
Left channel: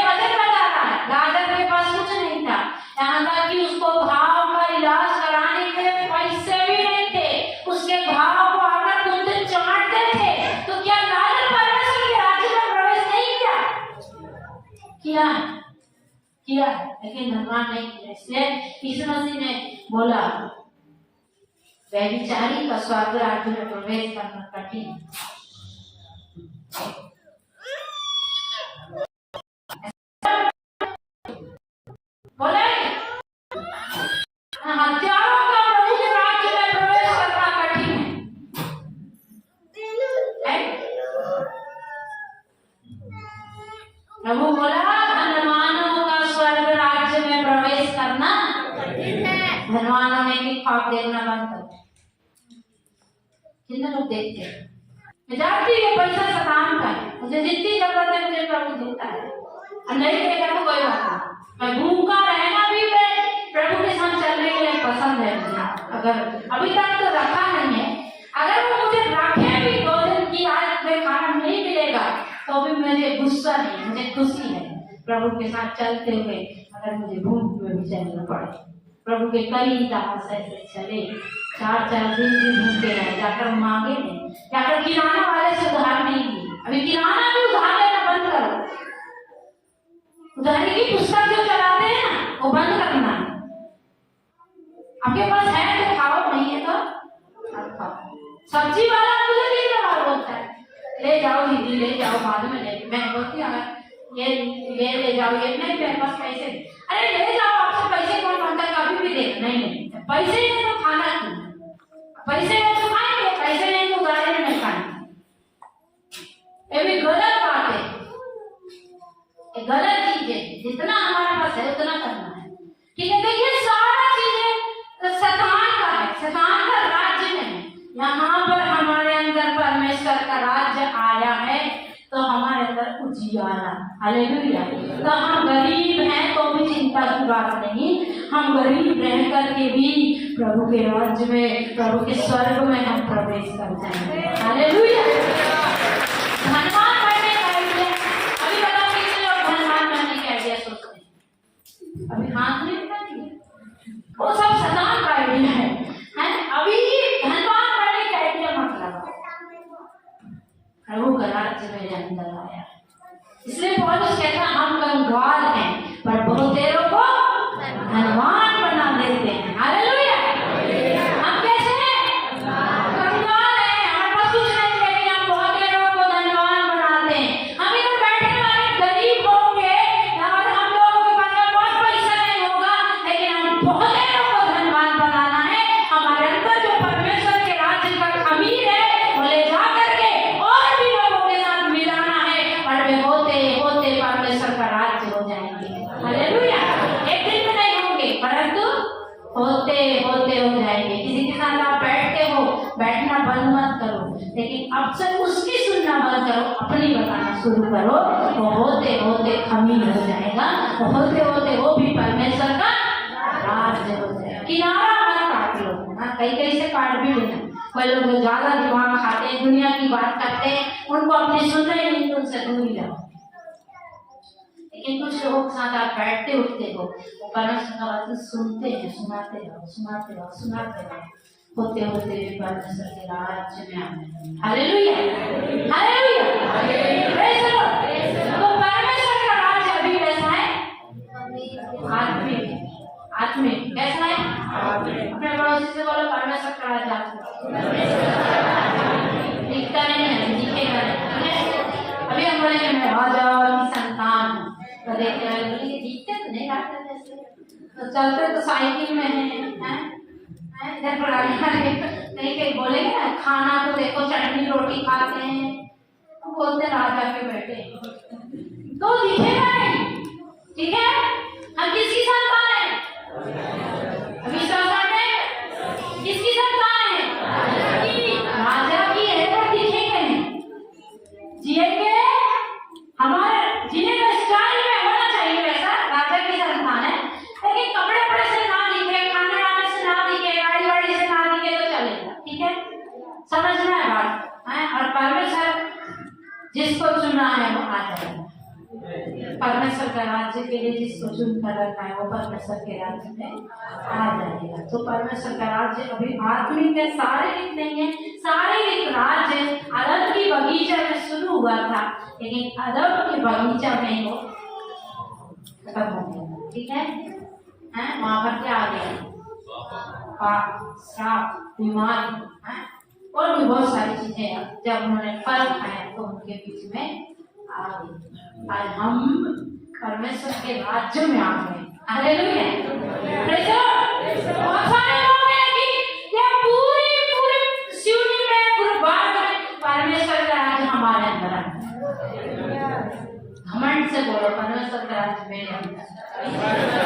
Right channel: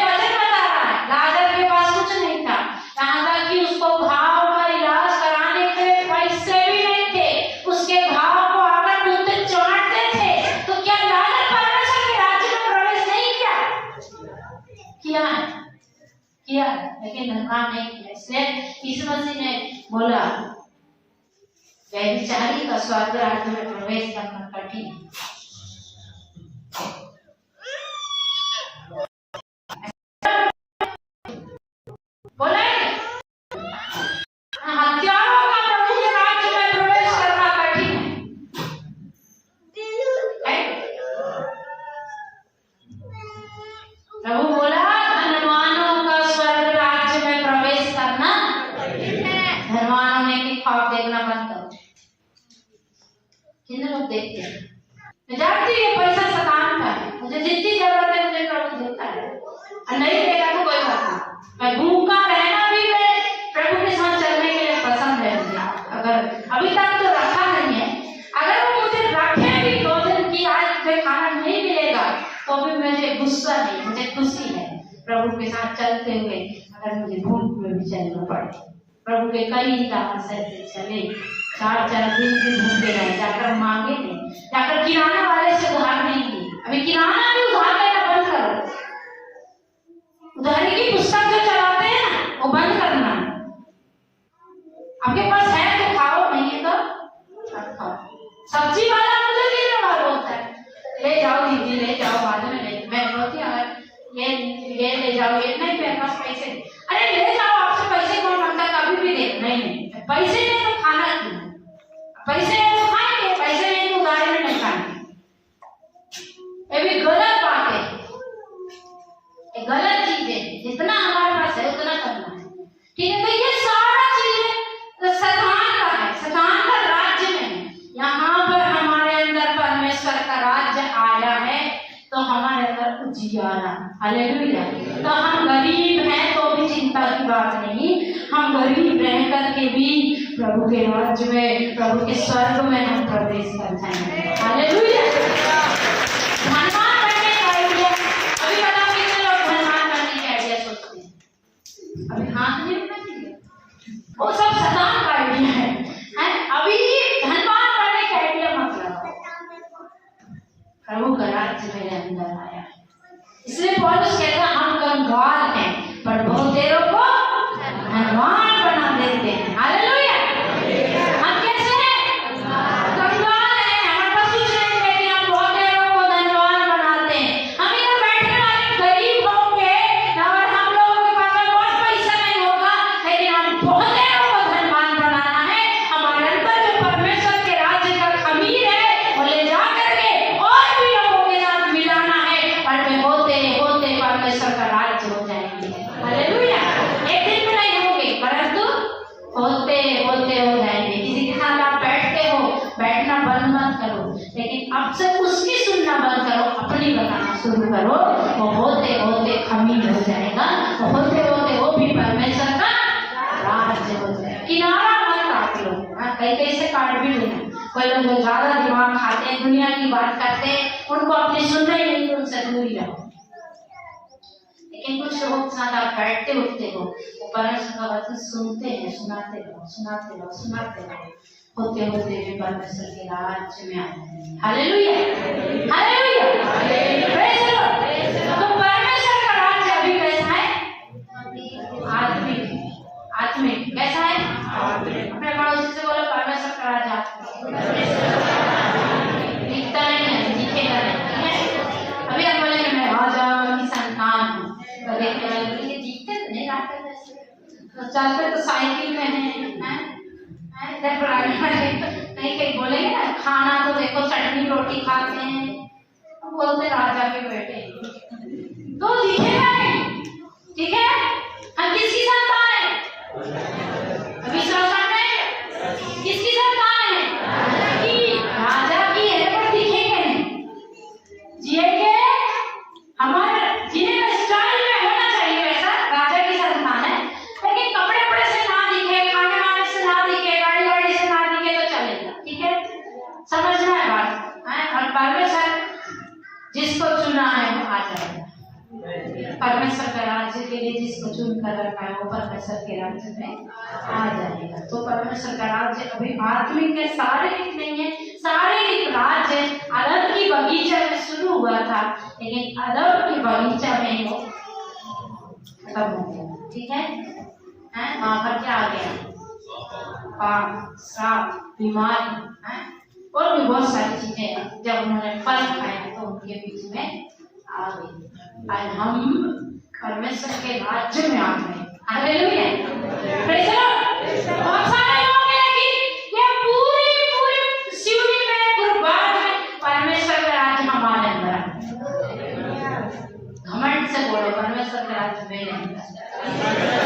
वचन बता रहा है, लाजर के पास कुछ नहीं था, यहाँ तक कि उसको घाव का इलाज कराने के पैसे भी नहीं थे, उसके घाव को अगर कुत्ते चाटते थे तो क्या लाजर परमेश्वर के राज्य में प्रवेश नहीं किया, लेकिन धनवान नहीं किया। इसलिए यीशु मसीह ने बोला व्यभिचारी का स्वर्ग राज्य में प्रवेश करना कठिन है। बोला हत्यारों का प्रभु के राज्य में प्रवेश करना कठिन है। प्रभु बोला धनवानों का स्वर्ग राज्य में प्रवेश करना कठिन है। धनवानों ने भी ख्वाब देखना बंद कर दिया। कितने लोग देखते हैं? मैं जानती हूँ पैसा सतान का है, मुझे जितनी जरूरत है मुझे प्रभु देता है, और नहीं देगा तो कोई बात नहीं। मैं भूखा रहना भी प्रभु के साथ चलने के लिए पसंद है मुझे। अगर अभी तक तो रखा नहीं है, अगर वो मुझे रखे भी 2 दिन की आज मुझे खाना नहीं मिलेगा तो भी मुझे गुस्सा नहीं, मुझे खुशी है प्रभु के साथ चलते हुए। अगर मुझे भूख में भी चलना पड़े, प्रभु के कई दास से चले 4-4 दिन भी भूखे रहे, जाकर मांगे नहीं, जाकर किराना वाले से उधार नहीं ली। अभी किराना भी उधार लेना बंद करो, उधारी की पुस्तक जो चलाते हैं ना वो बंद करना है। आपके पास है तो खाओ, नहीं है तो खाओ। सब्जी वाला मुझे भी व्यवहार होता है, ले जाओ दीदी ले जाओ, बाद में ले, मैं बोलती हूँ ये ले जाओ, ये नहीं मेरे पास पैसे, अरे ले जाओ, आपसे पैसे कौन मांगता, कभी भी दे, नहीं पैसे नहीं तो खाना क्यों, पैसे नहीं तो खाएंगे, पैसे नहीं तो उधारी में नहीं खाएंगे। ये भी गलत बात है, ये गलत चीज है। जितना हमारे पास है उतना करना है, ठीक है। देखिए सारा चीजें शैतान का है, शैतान का राज्य में है। यहाँ पर हमारे अंदर परमेश्वर का राज्य आया है तो हमारे अंदर उजियारा, हालेलुया। तो हम गरीब हैं तो भी चिंता की बात नहीं, हम गरीब रह करके भी प्रभु के राज्य में, प्रभु के स्वर्ग में हम प्रवेश कर जाएंगे, हालेलुया। धनवान बनने का आइडिया, अभी बताओ कितने लोग धनवान बनने का आइडिया सोचते हैं, अभी हाथ नहीं उठाएंगे, वो सब शैतान का आइडिया है। अभी धनवान बनने का आइडिया मत लगाओ, प्रभु का राज्य मेरे अंदर आया है। इसलिए पौलुस कहता है हम कंगाल हैं पर बहुत देरों को धनवान बना देते हैं, हालेलुया। हम कैसे हैं? कंगाल हैं, हमारे पास कुछ नहीं है, हम बहुत देरों को धनवान बनाते हैं। हम इधर बैठने वाले गरीब होंगे और हम लोगों के पास बहुत पैसा नहीं होगा, लेकिन हम बहुत देरों को धनवान बनाना है। हमारे अंदर जो परमेश्वर के राज्य का खमीर है वो ले जा करके और भी लोगों के साथ मिलाना है, और वे होते होते परमेश्वर का राज्य हो जाएंगे, हालेलुया। एक दिन में नहीं होंगे परंतु होते होते हो जाएंगे। किसी के साथ आप बैठते हो, बैठना बंद मत करो, लेकिन अब से उसकी सुनना बंद करो, अपनी बताना शुरू करो। वो होते होते खमीर हो जाएगा, वो होते होते वो भी परमेश्वर का राज्य हो जाएगा। किनारा मत काट लो, कहीं कहीं से काट भी लेना। कोई लोग ज्यादा दिमाग खाते हैं, दुनिया की बात करते हैं, उनको अपनी सुनना ही नहीं, तो उनसे दूर ही रहो। लेकिन कुछ लोगों के साथ आप बैठते उठते हो, वो परमेश्वर का वचन सुनते हैं, सुनाते रहो, सुनाते रहो, सुनाते रहो, होते होते भी परमेश्वर के राज्य में आ जाएंगे, hallelujah, hallelujah, praise the Lord. तो परमेश्वर का राज्य अभी कैसा है? आत्मिक, आत्मिक कैसा है? अपने पड़ोसी से बोलो परमेश्वर का राज्य दिखता नहीं है, दिखेगा नहीं, अभी हम बोलेंगे मैं राजा की संतान हूँ, तो देखते रहे दिखते तो नहीं रास्ते वैसे, तो चलते तो साइकिल में है, इधर कहीं कहीं बोलेंगे ना खाना तो देखो चटनी रोटी खाते हैं, तो बोलते राजा के बेटे, तो दिखेगा नहीं, ठीक है। हम किसकी संतान है? अभी संतान है, किसकी संतान है? राजा की है, पर दिखेंगे नहीं, जिएंगे हमारे जीने का स्टाइल में होना चाहिए वैसा, राजा की संतान है, लेकिन कपड़े पड़े से ना दिखे, खाने वाने से ना दिखे, गाड़ी वाड़ी से ना दिखे तो चलेगा, ठीक है, समझना है बात है। और परमेश्वर जिसको चुना है वो आ जाएगा, परमेश्वर के राज्य के लिए जिसको चुन कर रखा है वो परमेश्वर के राज्य में आ जाएगा। तो परमेश्वर का राज्य अभी आत्मिक है, शारीरिक नहीं है। शारीरिक राज्य अदम की बगीचा में शुरू हुआ था, लेकिन अदम की बगीचा में वो खत्म हो गया, ठीक है। वहां पर क्या आ गया? पाप, श्राप, बीमारी, और भी बहुत सारी चीजें जब उन्होंने फल खाया तो उनके बीच में आ गई। और हम परमेश्वर के राज्य में आ गए, हालेलुया, प्रेज़ द लॉर्ड। बहुत सारे लोग हैं कि ये पूरी सिवनी में, पूरे भारत में परमेश्वर का राज्य हमारे अंदर है। घमंड से बोलो परमेश्वर का राज्य मेरे अंदर।